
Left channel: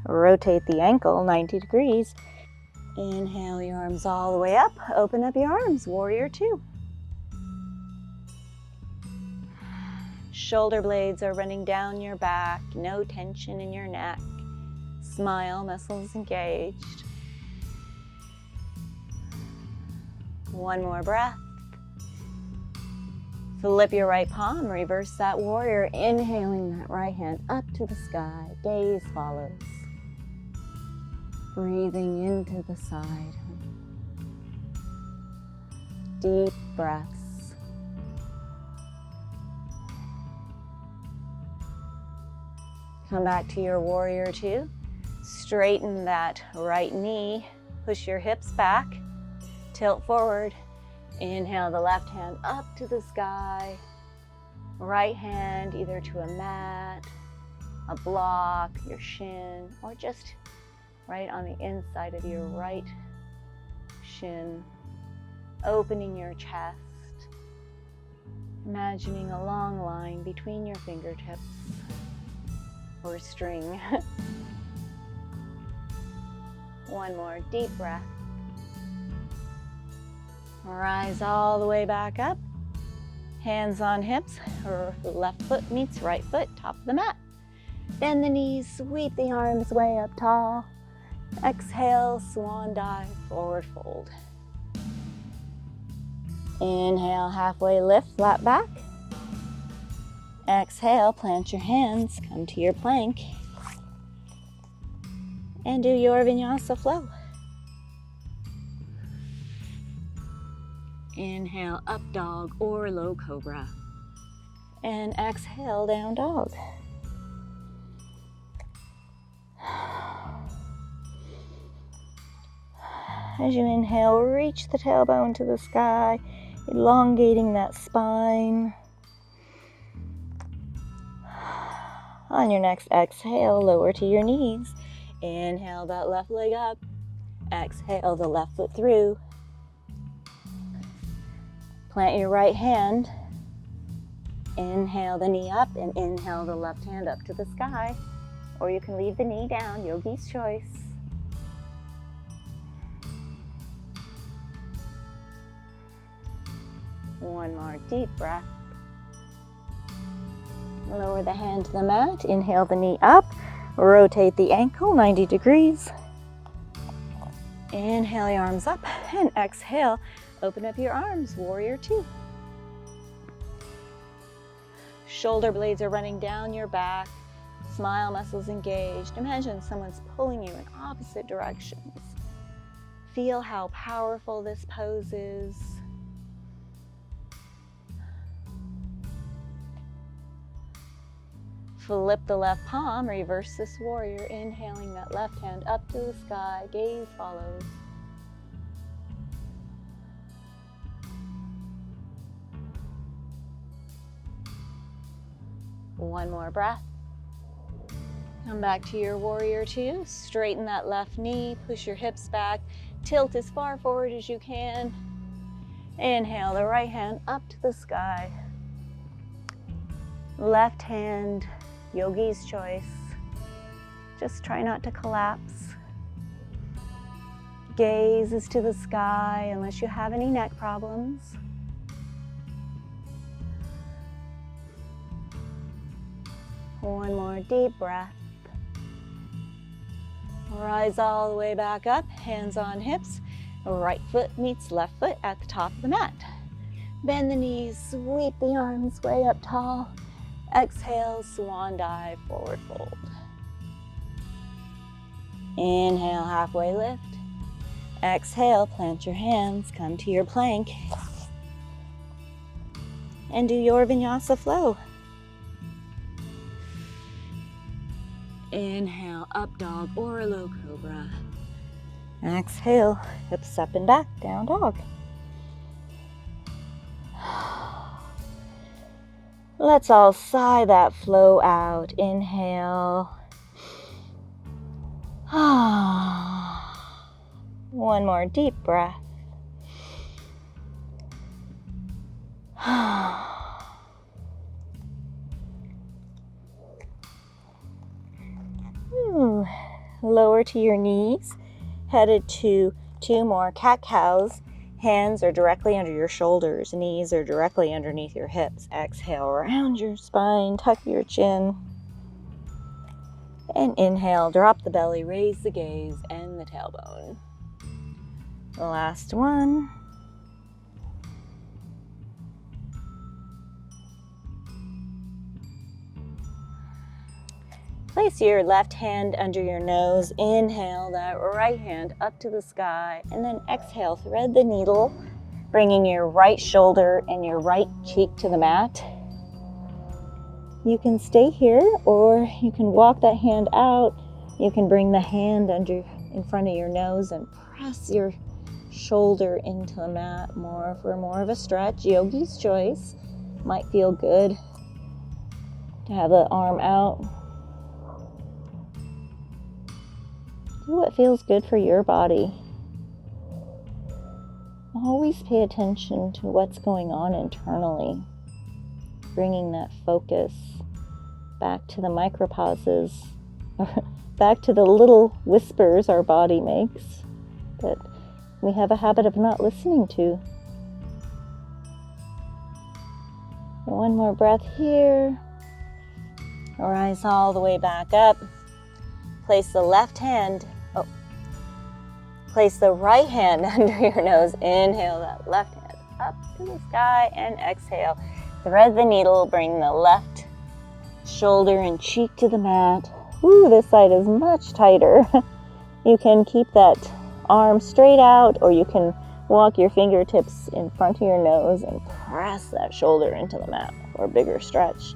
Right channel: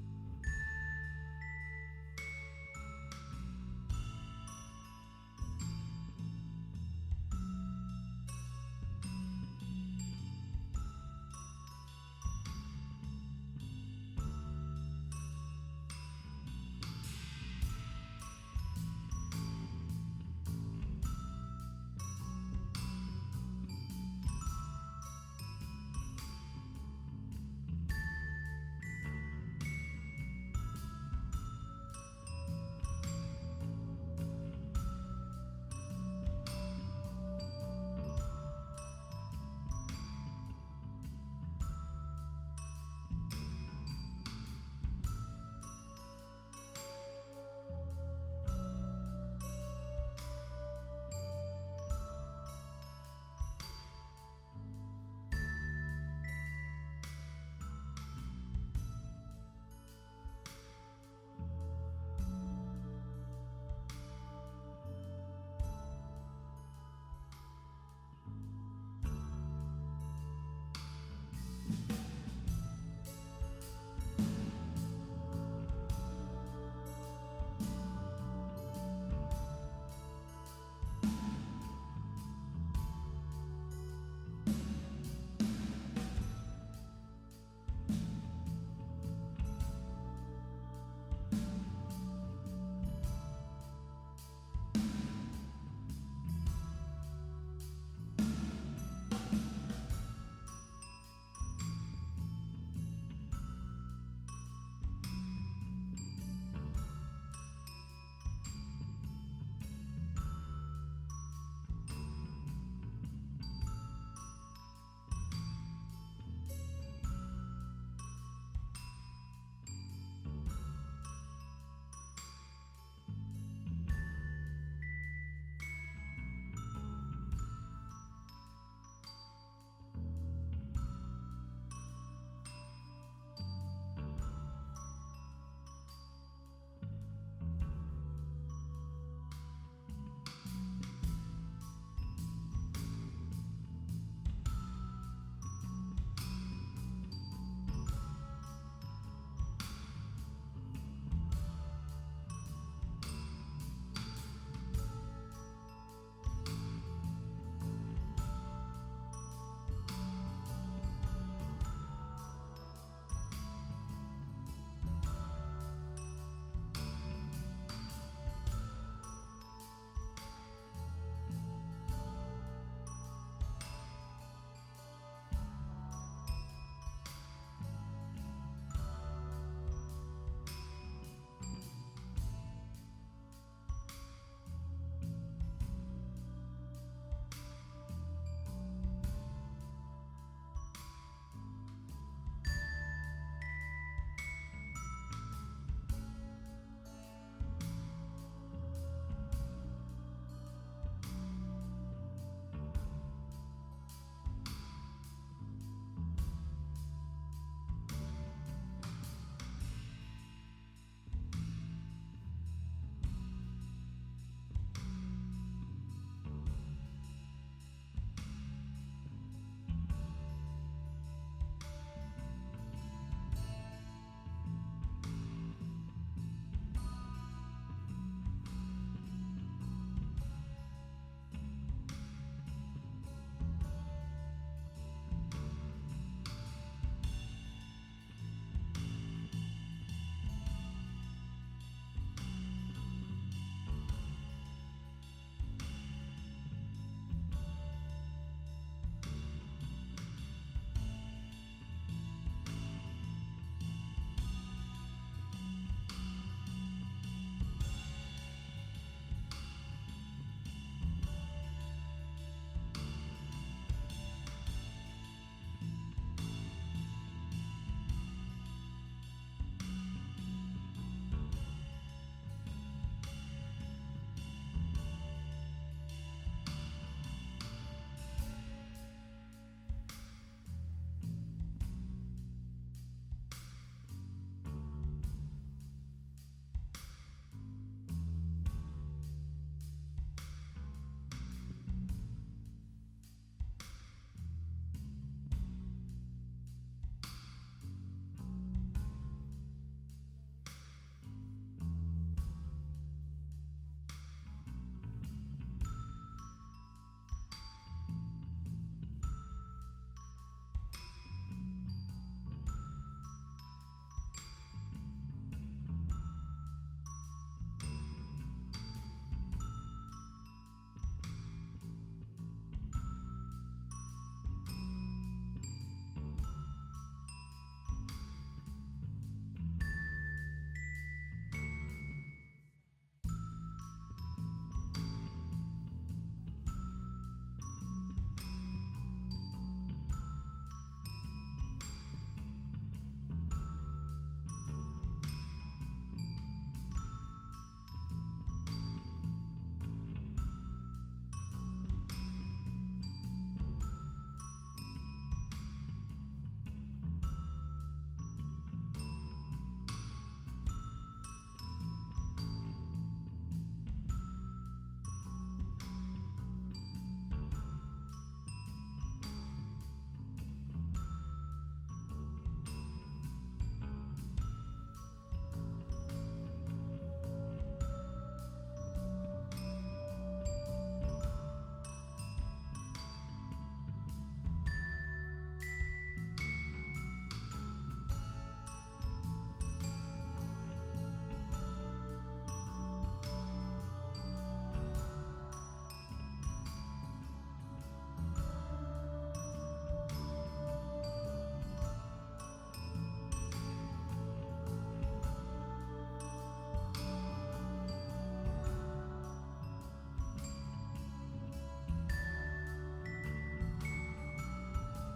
Rotate the ankle 90 degrees. Inhale your arms all the way up. Open up your arms. Warrior two. Shoulder blades are running down your back, no tension in your neck. Smile, muscles engaged. One more breath. Flip your right palm, reverse that warrior, inhaling that right hand up to the sky. Gaze follows. Breathing into the side. Deep breaths. Come back to your warrior two. Straighten that right knee. Push your hips back. Tilt forward. Inhale the left hand up to the sky. Right hand either to a mat, a block, your shin, or just right on the inside of your right shin. Opening your chest. Imagining a long line between your fingertips. Or string. One more deep breath. Rise all the way back up. Hands on hips, or left foot meets right foot, top of the mat. Bend the knees, sweep the arms way up tall. Exhale, swan dive, forward fold. Inhale, halfway lift, flat back. Exhale, plant your hands, come to your plank, and do your Vinyasa flow. Inhale, up dog or low cobra, and exhale, down dog. As you inhale, reach the tailbone to the sky, elongating that spine. On your next exhale, lower to your knees. Inhale that left leg up. Exhale the left foot through. Plant your right hand. Inhale the knee up and inhale the left hand up to the sky. Or you can leave the knee down, yogi's choice. One more deep breath. Lower the hand to the mat, inhale the knee up, rotate the ankle 90 degrees. Inhale your arms up and exhale, open up your arms, warrior two. Shoulder blades are running down your back. Smile muscles engaged. Imagine someone's pulling you in opposite directions. Feel how powerful this pose is. Flip the left palm, reverse this warrior, inhaling that left hand up to the sky, gaze follows. One more breath. Come back to your warrior two, straighten that left knee, push your hips back, tilt as far forward as you can. Inhale the right hand up to the sky. Left hand, yogi's choice. Just try not to collapse. Gaze is to the sky unless you have any neck problems. One more deep breath. Rise all the way back up, hands on hips. Right foot meets left foot at the top of the mat. Bend the knees, sweep the arms way up tall. Exhale, swan dive, forward fold. Inhale, halfway lift. Exhale, plant your hands, come to your plank. And do your Vinyasa flow. Inhale, up dog or low cobra. Exhale, hips up and back, down dog. Let's all sigh that flow out. Inhale. One more deep breath. Lower to your knees, headed to 2 more cat-cows. Hands are directly under your shoulders, knees are directly underneath your hips. Exhale, round your spine, tuck your chin. And inhale, drop the belly, raise the gaze, and the tailbone. The last one. Place your left hand under your nose. Inhale that right hand up to the sky. And then exhale, thread the needle, bringing your right shoulder and your right cheek to the mat. You can stay here or you can walk that hand out. You can bring the hand in front of your nose and press your shoulder into the mat for more of a stretch. Yogi's choice. Might feel good to have the arm out. Do what feels good for your body. Always pay attention to what's going on internally. Bringing that focus back to the micropauses, back to the little whispers our body makes that we have a habit of not listening to. One more breath here. Rise all the way back up. Place the right hand under your nose. Inhale that left hand up to the sky and exhale. Thread the needle, bring the left shoulder and cheek to the mat. Ooh, this side is much tighter. You can keep that arm straight out or you can walk your fingertips in front of your nose and press that shoulder into the mat for a bigger stretch.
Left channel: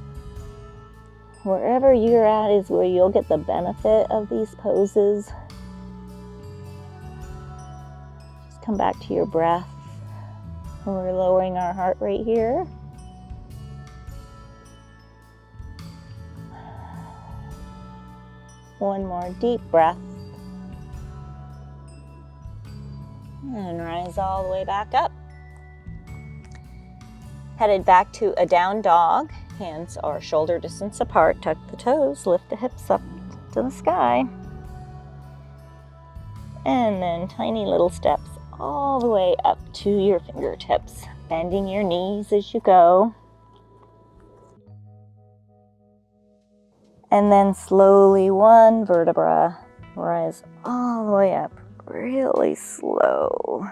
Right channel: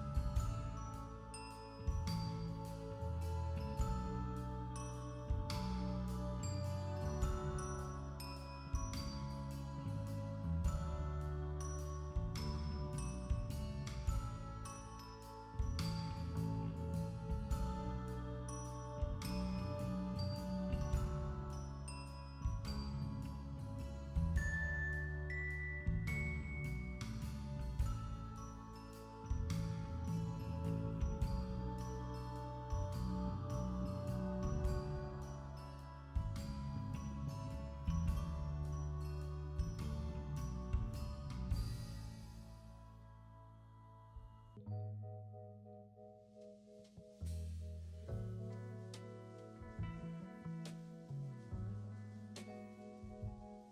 Wherever you're at is where you'll get the benefit of these poses. Just come back to your breath. We're lowering our heart rate here. One more deep breath. And rise all the way back up. Headed back to a down dog. Hands are shoulder distance apart. Tuck the toes, lift the hips up to the sky. And then tiny little steps all the way up to your fingertips. Bending your knees as you go. And then slowly, one vertebra, rise all the way up, really slow.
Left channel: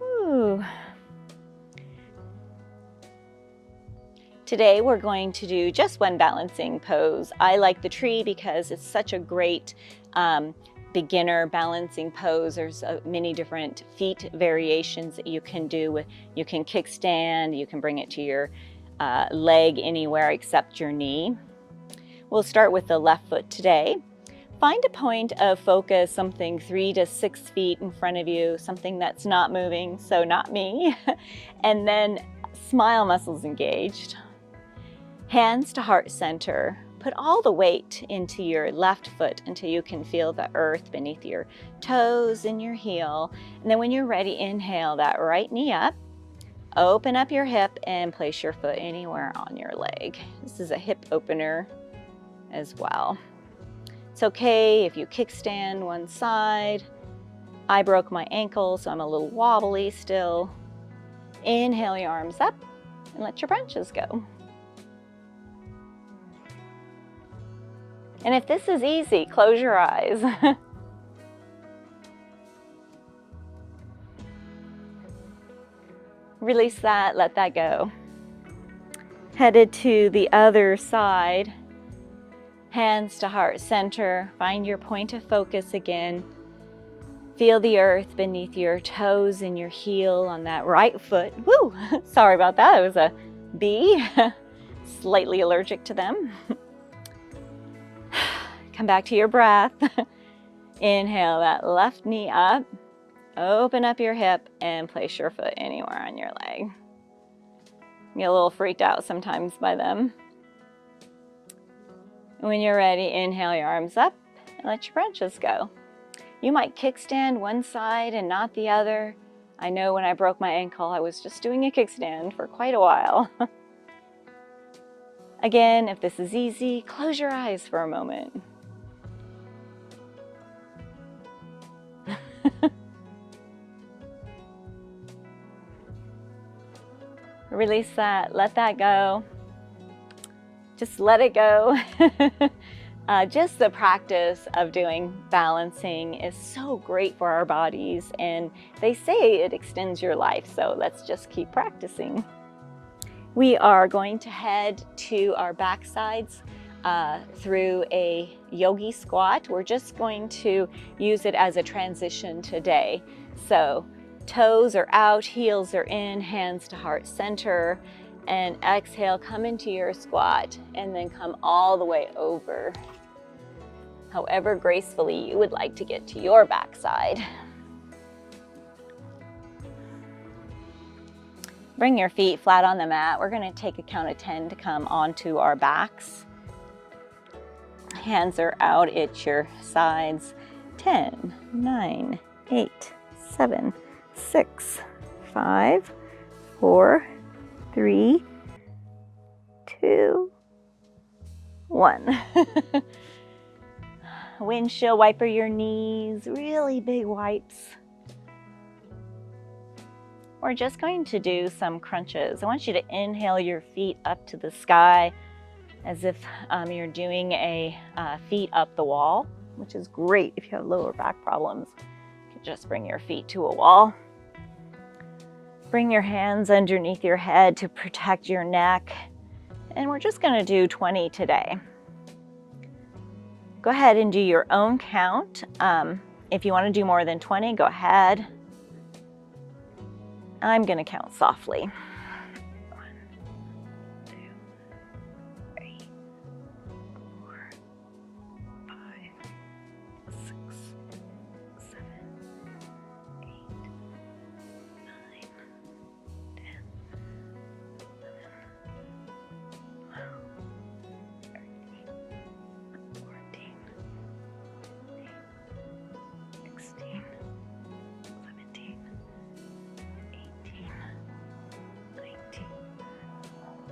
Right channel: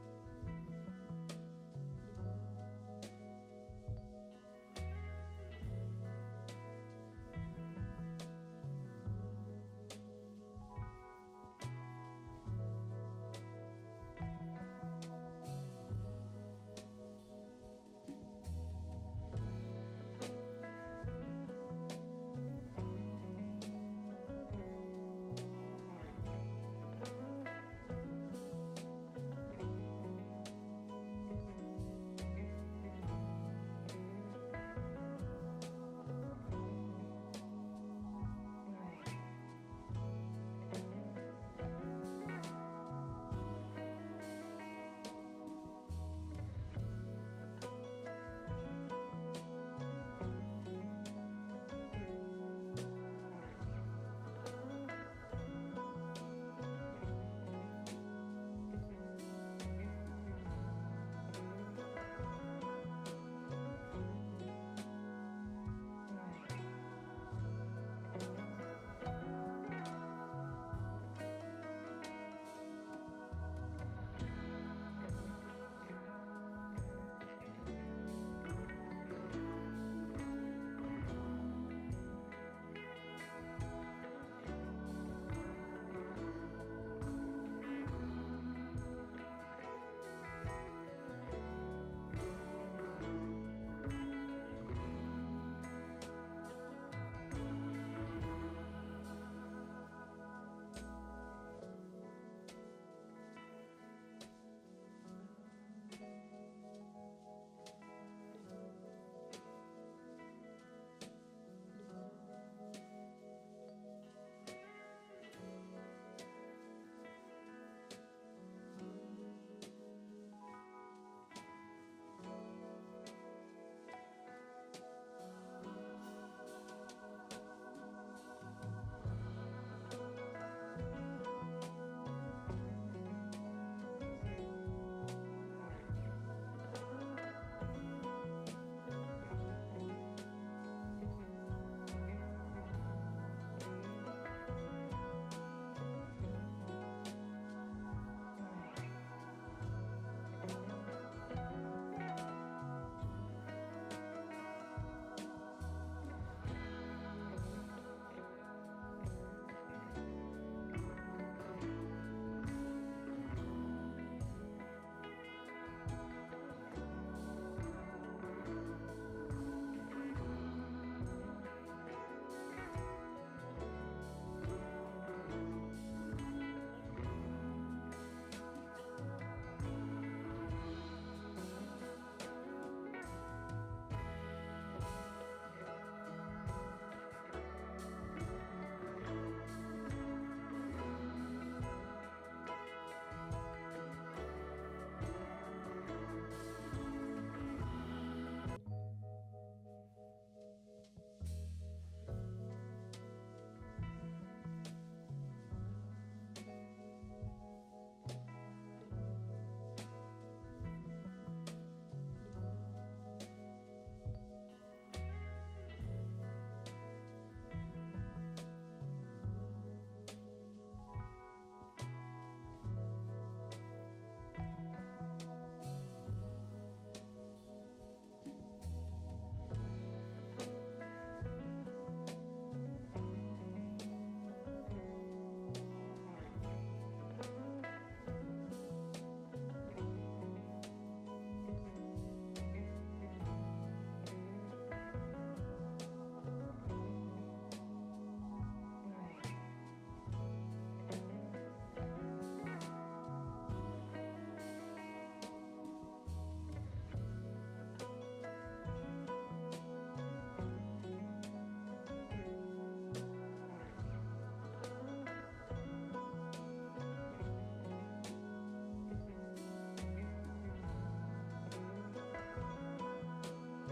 Ooh. Today we're going to do just one balancing pose. I like the tree because it's such a great beginner balancing pose. There's many different feet variations that you can do. You can kickstand, you can bring it to your leg anywhere except your knee. We'll start with the left foot today. Find a point of focus, something 3 to 6 feet in front of you, something that's not moving, so not me. And then smile muscles engaged. Hands to heart center. Put all the weight into your left foot until you can feel the earth beneath your toes and your heel. And then when you're ready, inhale that right knee up. Open up your hip and place your foot anywhere on your leg. This is a hip opener as well. It's okay if you kickstand one side. I broke my ankle, so I'm a little wobbly still. Inhale your arms up and let your branches go. And if this is easy, close your eyes. Release that, let that go. Headed to the other side. Hands to heart center. Find your point of focus again. Feel the earth beneath your toes and your heel on that right foot. Woo! Sorry about that, it was a bee. Slightly allergic to them. Come back to your breath. Inhale that left knee up. Open up your hip and place your foot anywhere on your leg. You get a little freaked out sometimes by them. When you're ready, inhale your arms up and let your branches go. You might kickstand one side and not the other. I know when I broke my ankle, I was just doing a kickstand for quite a while. Again, if this is easy, close your eyes for a moment. Release that, let that go. Just let it go. Just the practice of doing balancing is so great for our bodies, and they say it extends your life, so let's just keep practicing. We are going to head to our back sides through a yogi squat. We're just going to use it as a transition today. So toes are out, heels are in, hands to heart center, and exhale, come into your squat, and then come all the way over. However gracefully you would like to get to your backside. Bring your feet flat on the mat. We're going to take a count of 10 to come onto our backs. Hands are out at your sides. 10, 9, 8, 7, 6, 5, 4, 3, 2, 1. Windshield wiper your knees, really big wipes. We're just going to do some crunches. I want you to inhale your feet up to the sky as if you're doing a feet up the wall, which is great if you have lower back problems. You can just bring your feet to a wall. Bring your hands underneath your head to protect your neck. And we're just going to do 20 today. Go ahead and do your own count. If you want to do more than 20, go ahead. I'm going to count softly. 1, 2, 3, 4, 5, 6, 7, 8, 9, 10,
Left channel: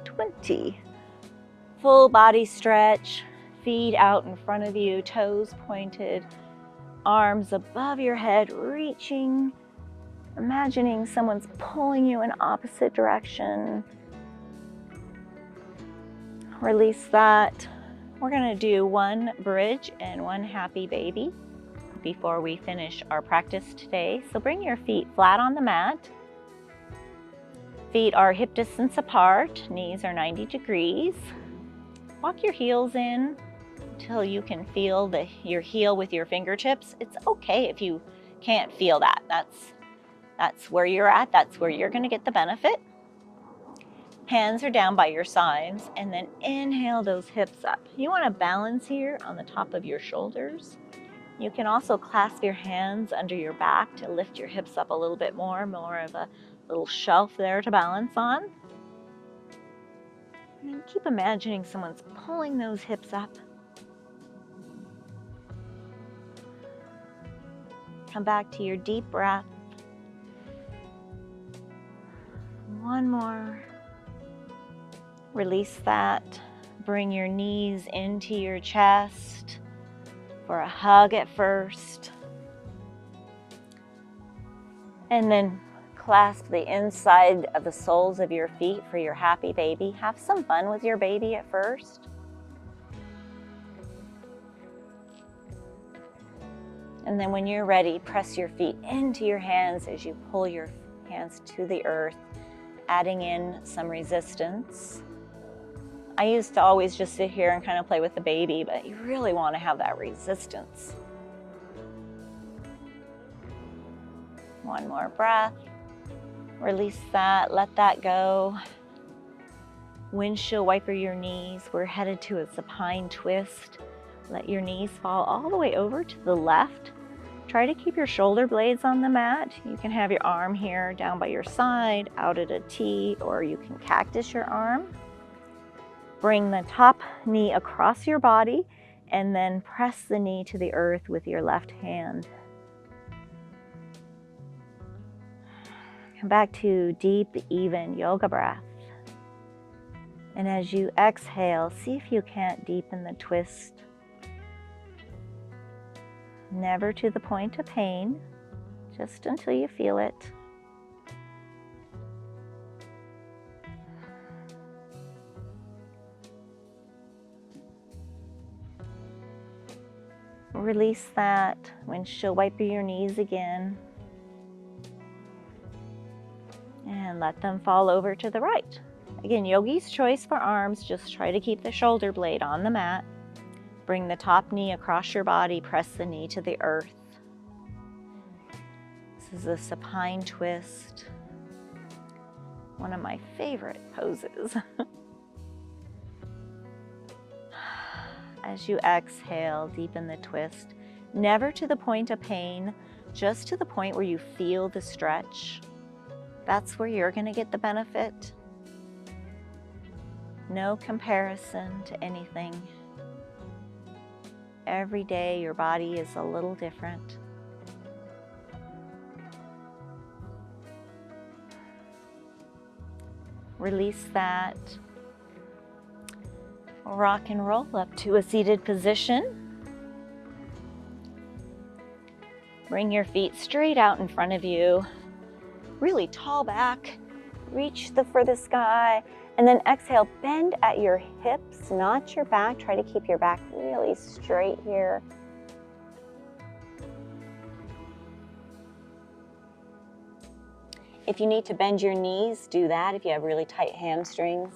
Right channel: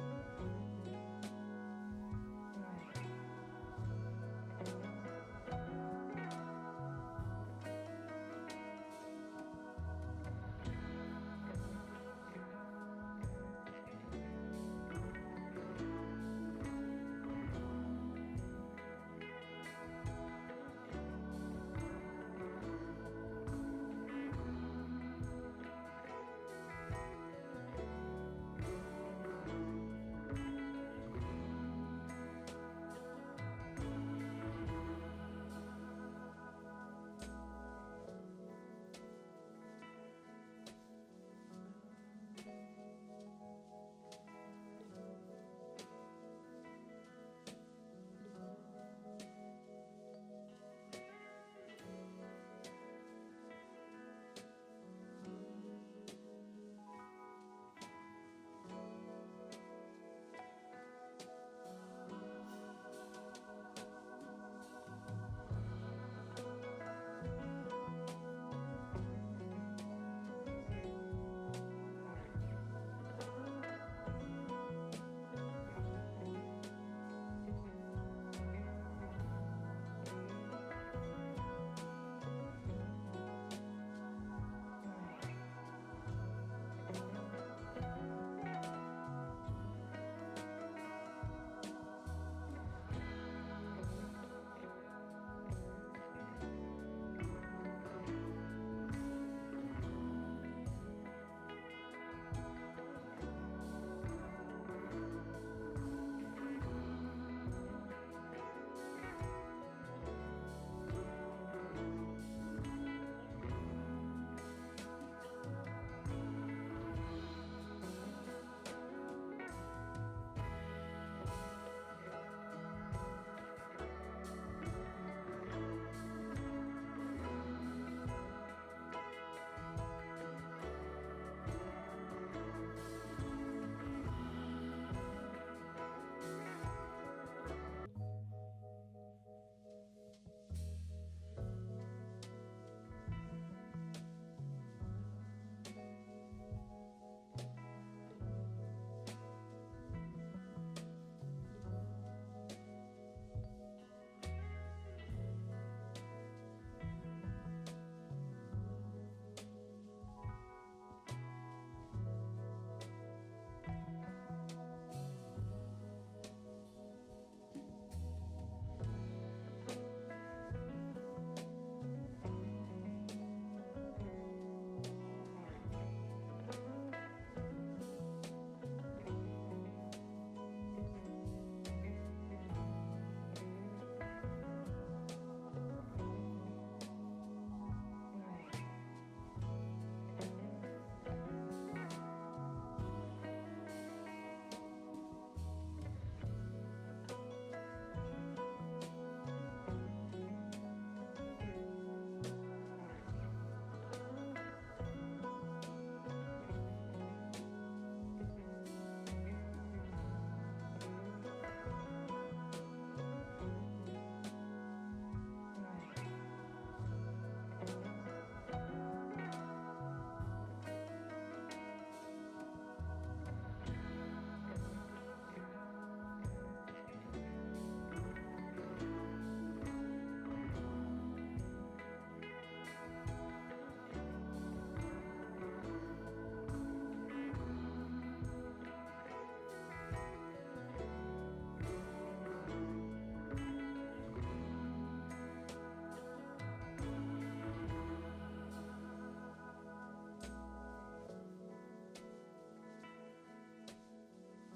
20. Full body stretch, feet out in front of you, toes pointed, arms above your head, reaching, imagining someone's pulling you in opposite direction. Release that. We're going to do one bridge and one happy baby before we finish our practice today. So bring your feet flat on the mat. Feet are hip distance apart, knees are 90 degrees. Walk your heels in until you can feel your heel with your fingertips. It's okay if you can't feel that. That's where you're at. That's where you're going to get the benefit. Hands are down by your sides, and then inhale those hips up. You want to balance here on the top of your shoulders. You can also clasp your hands under your back to lift your hips up a little bit more of a little shelf there to balance on. And keep imagining someone's pulling those hips up. Come back to your deep breath. One more. Release that. Bring your knees into your chest for a hug at first. And then clasp the inside of the soles of your feet for your happy baby. Have some fun with your baby at first. And then when you're ready, press your feet into your hands as you pull your hands to the earth, adding in some resistance. I used to always just sit here and kind of play with the baby, but you really want to have that resistance. One more breath. Release that, let that go. Windshield wiper your knees. We're headed to a supine twist. Let your knees fall all the way over to the left. Try to keep your shoulder blades on the mat. You can have your arm here down by your side, out at a T, or you can cactus your arm. Bring the top knee across your body and then press the knee to the earth with your left hand. Come back to deep, even yoga breath. And as you exhale, see if you can't deepen the twist. Never to the point of pain, just until you feel it. Release that. Windshield wiper your knees again. And let them fall over to the right. Again, yogi's choice for arms. Just try to keep the shoulder blade on the mat. Bring the top knee across your body. Press the knee to the earth. This is a supine twist. One of my favorite poses. As you exhale, deepen the twist. Never to the point of pain, just to the point where you feel the stretch. That's where you're going to get the benefit. No comparison to anything. Every day your body is a little different. Release that. Rock and roll up to a seated position. Bring your feet straight out in front of you. Really tall back. Reach for the sky. And then exhale, bend at your hips, not your back. Try to keep your back really straight here. If you need to bend your knees, do that if you have really tight hamstrings.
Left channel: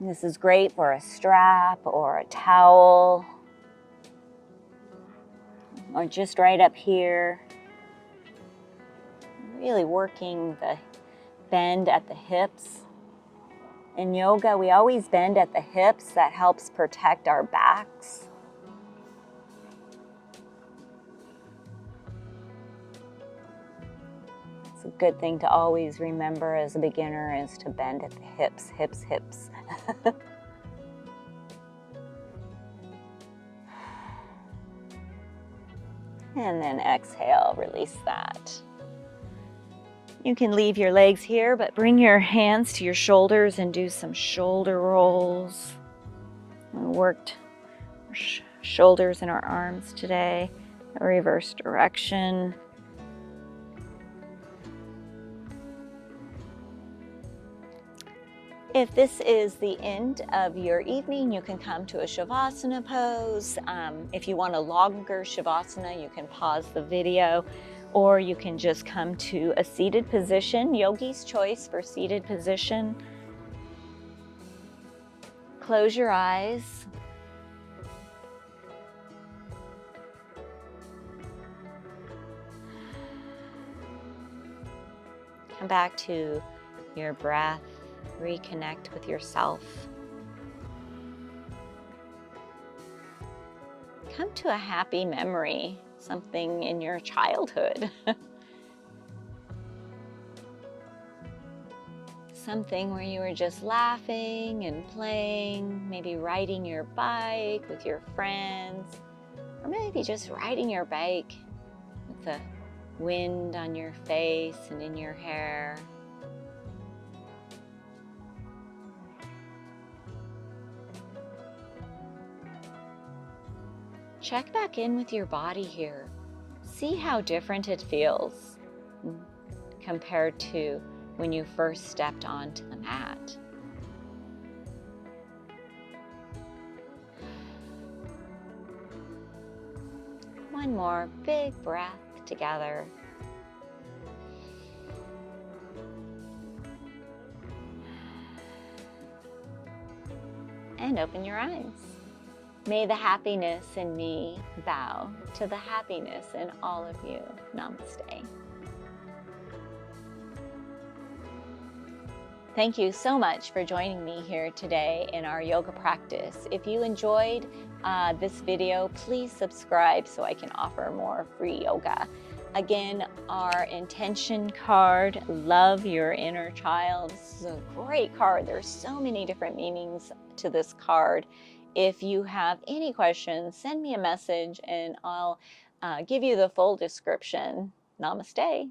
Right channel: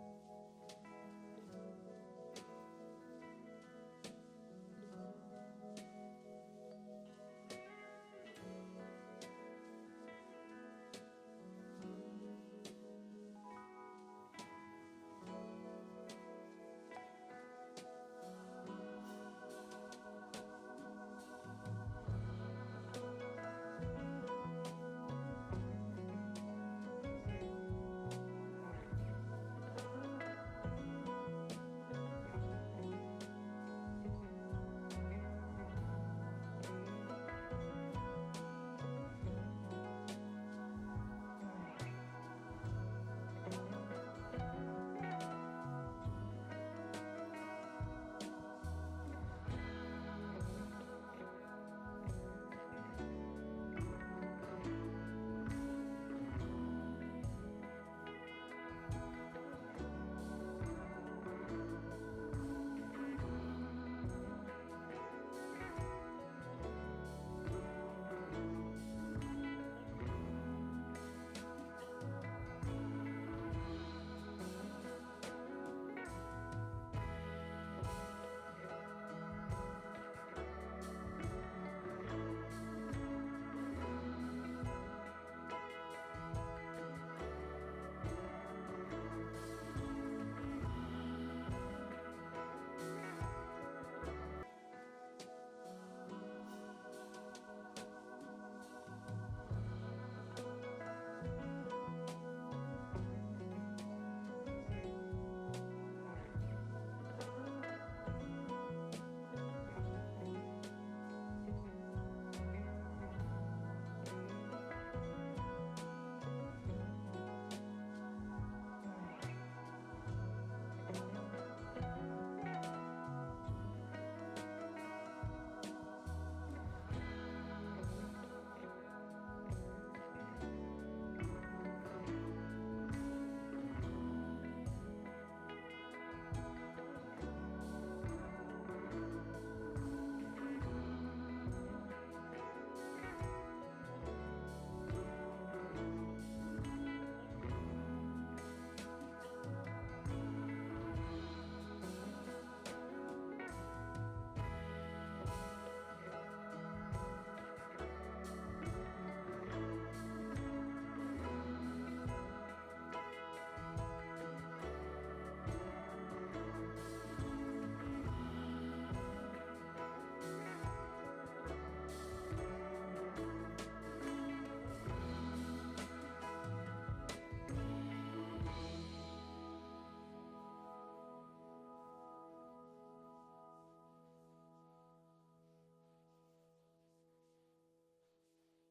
And this is great for a strap or a towel, or just right up here. Really working the bend at the hips. In yoga, we always bend at the hips. That helps protect our backs. It's a good thing to always remember as a beginner is to bend at the hips, hips, hips. And then exhale, release that. You can leave your legs here, but bring your hands to your shoulders and do some shoulder rolls. We worked shoulders and our arms today, a reverse direction. If this is the end of your evening, you can come to a Shavasana pose. If you want a longer Shavasana, you can pause the video. or you can just come to a seated position, yogi's choice for seated position. Close your eyes. Come back to your breath. Reconnect with yourself. Come to a happy memory, something in your childhood. Something where you were just laughing and playing, maybe riding your bike with your friends, or maybe just riding your bike with the wind on your face and in your hair. Check back in with your body here. See how different it feels compared to when you first stepped onto the mat. One more big breath together. And open your eyes. May the happiness in me bow to the happiness in all of you. Namaste. Thank you so much for joining me here today in our yoga practice. If you enjoyed this video, please subscribe so I can offer more free yoga. Again, our intention card, Love Your Inner Child. This is a great card. There's so many different meanings to this card. If you have any questions, send me a message and I'll give you the full description. Namaste.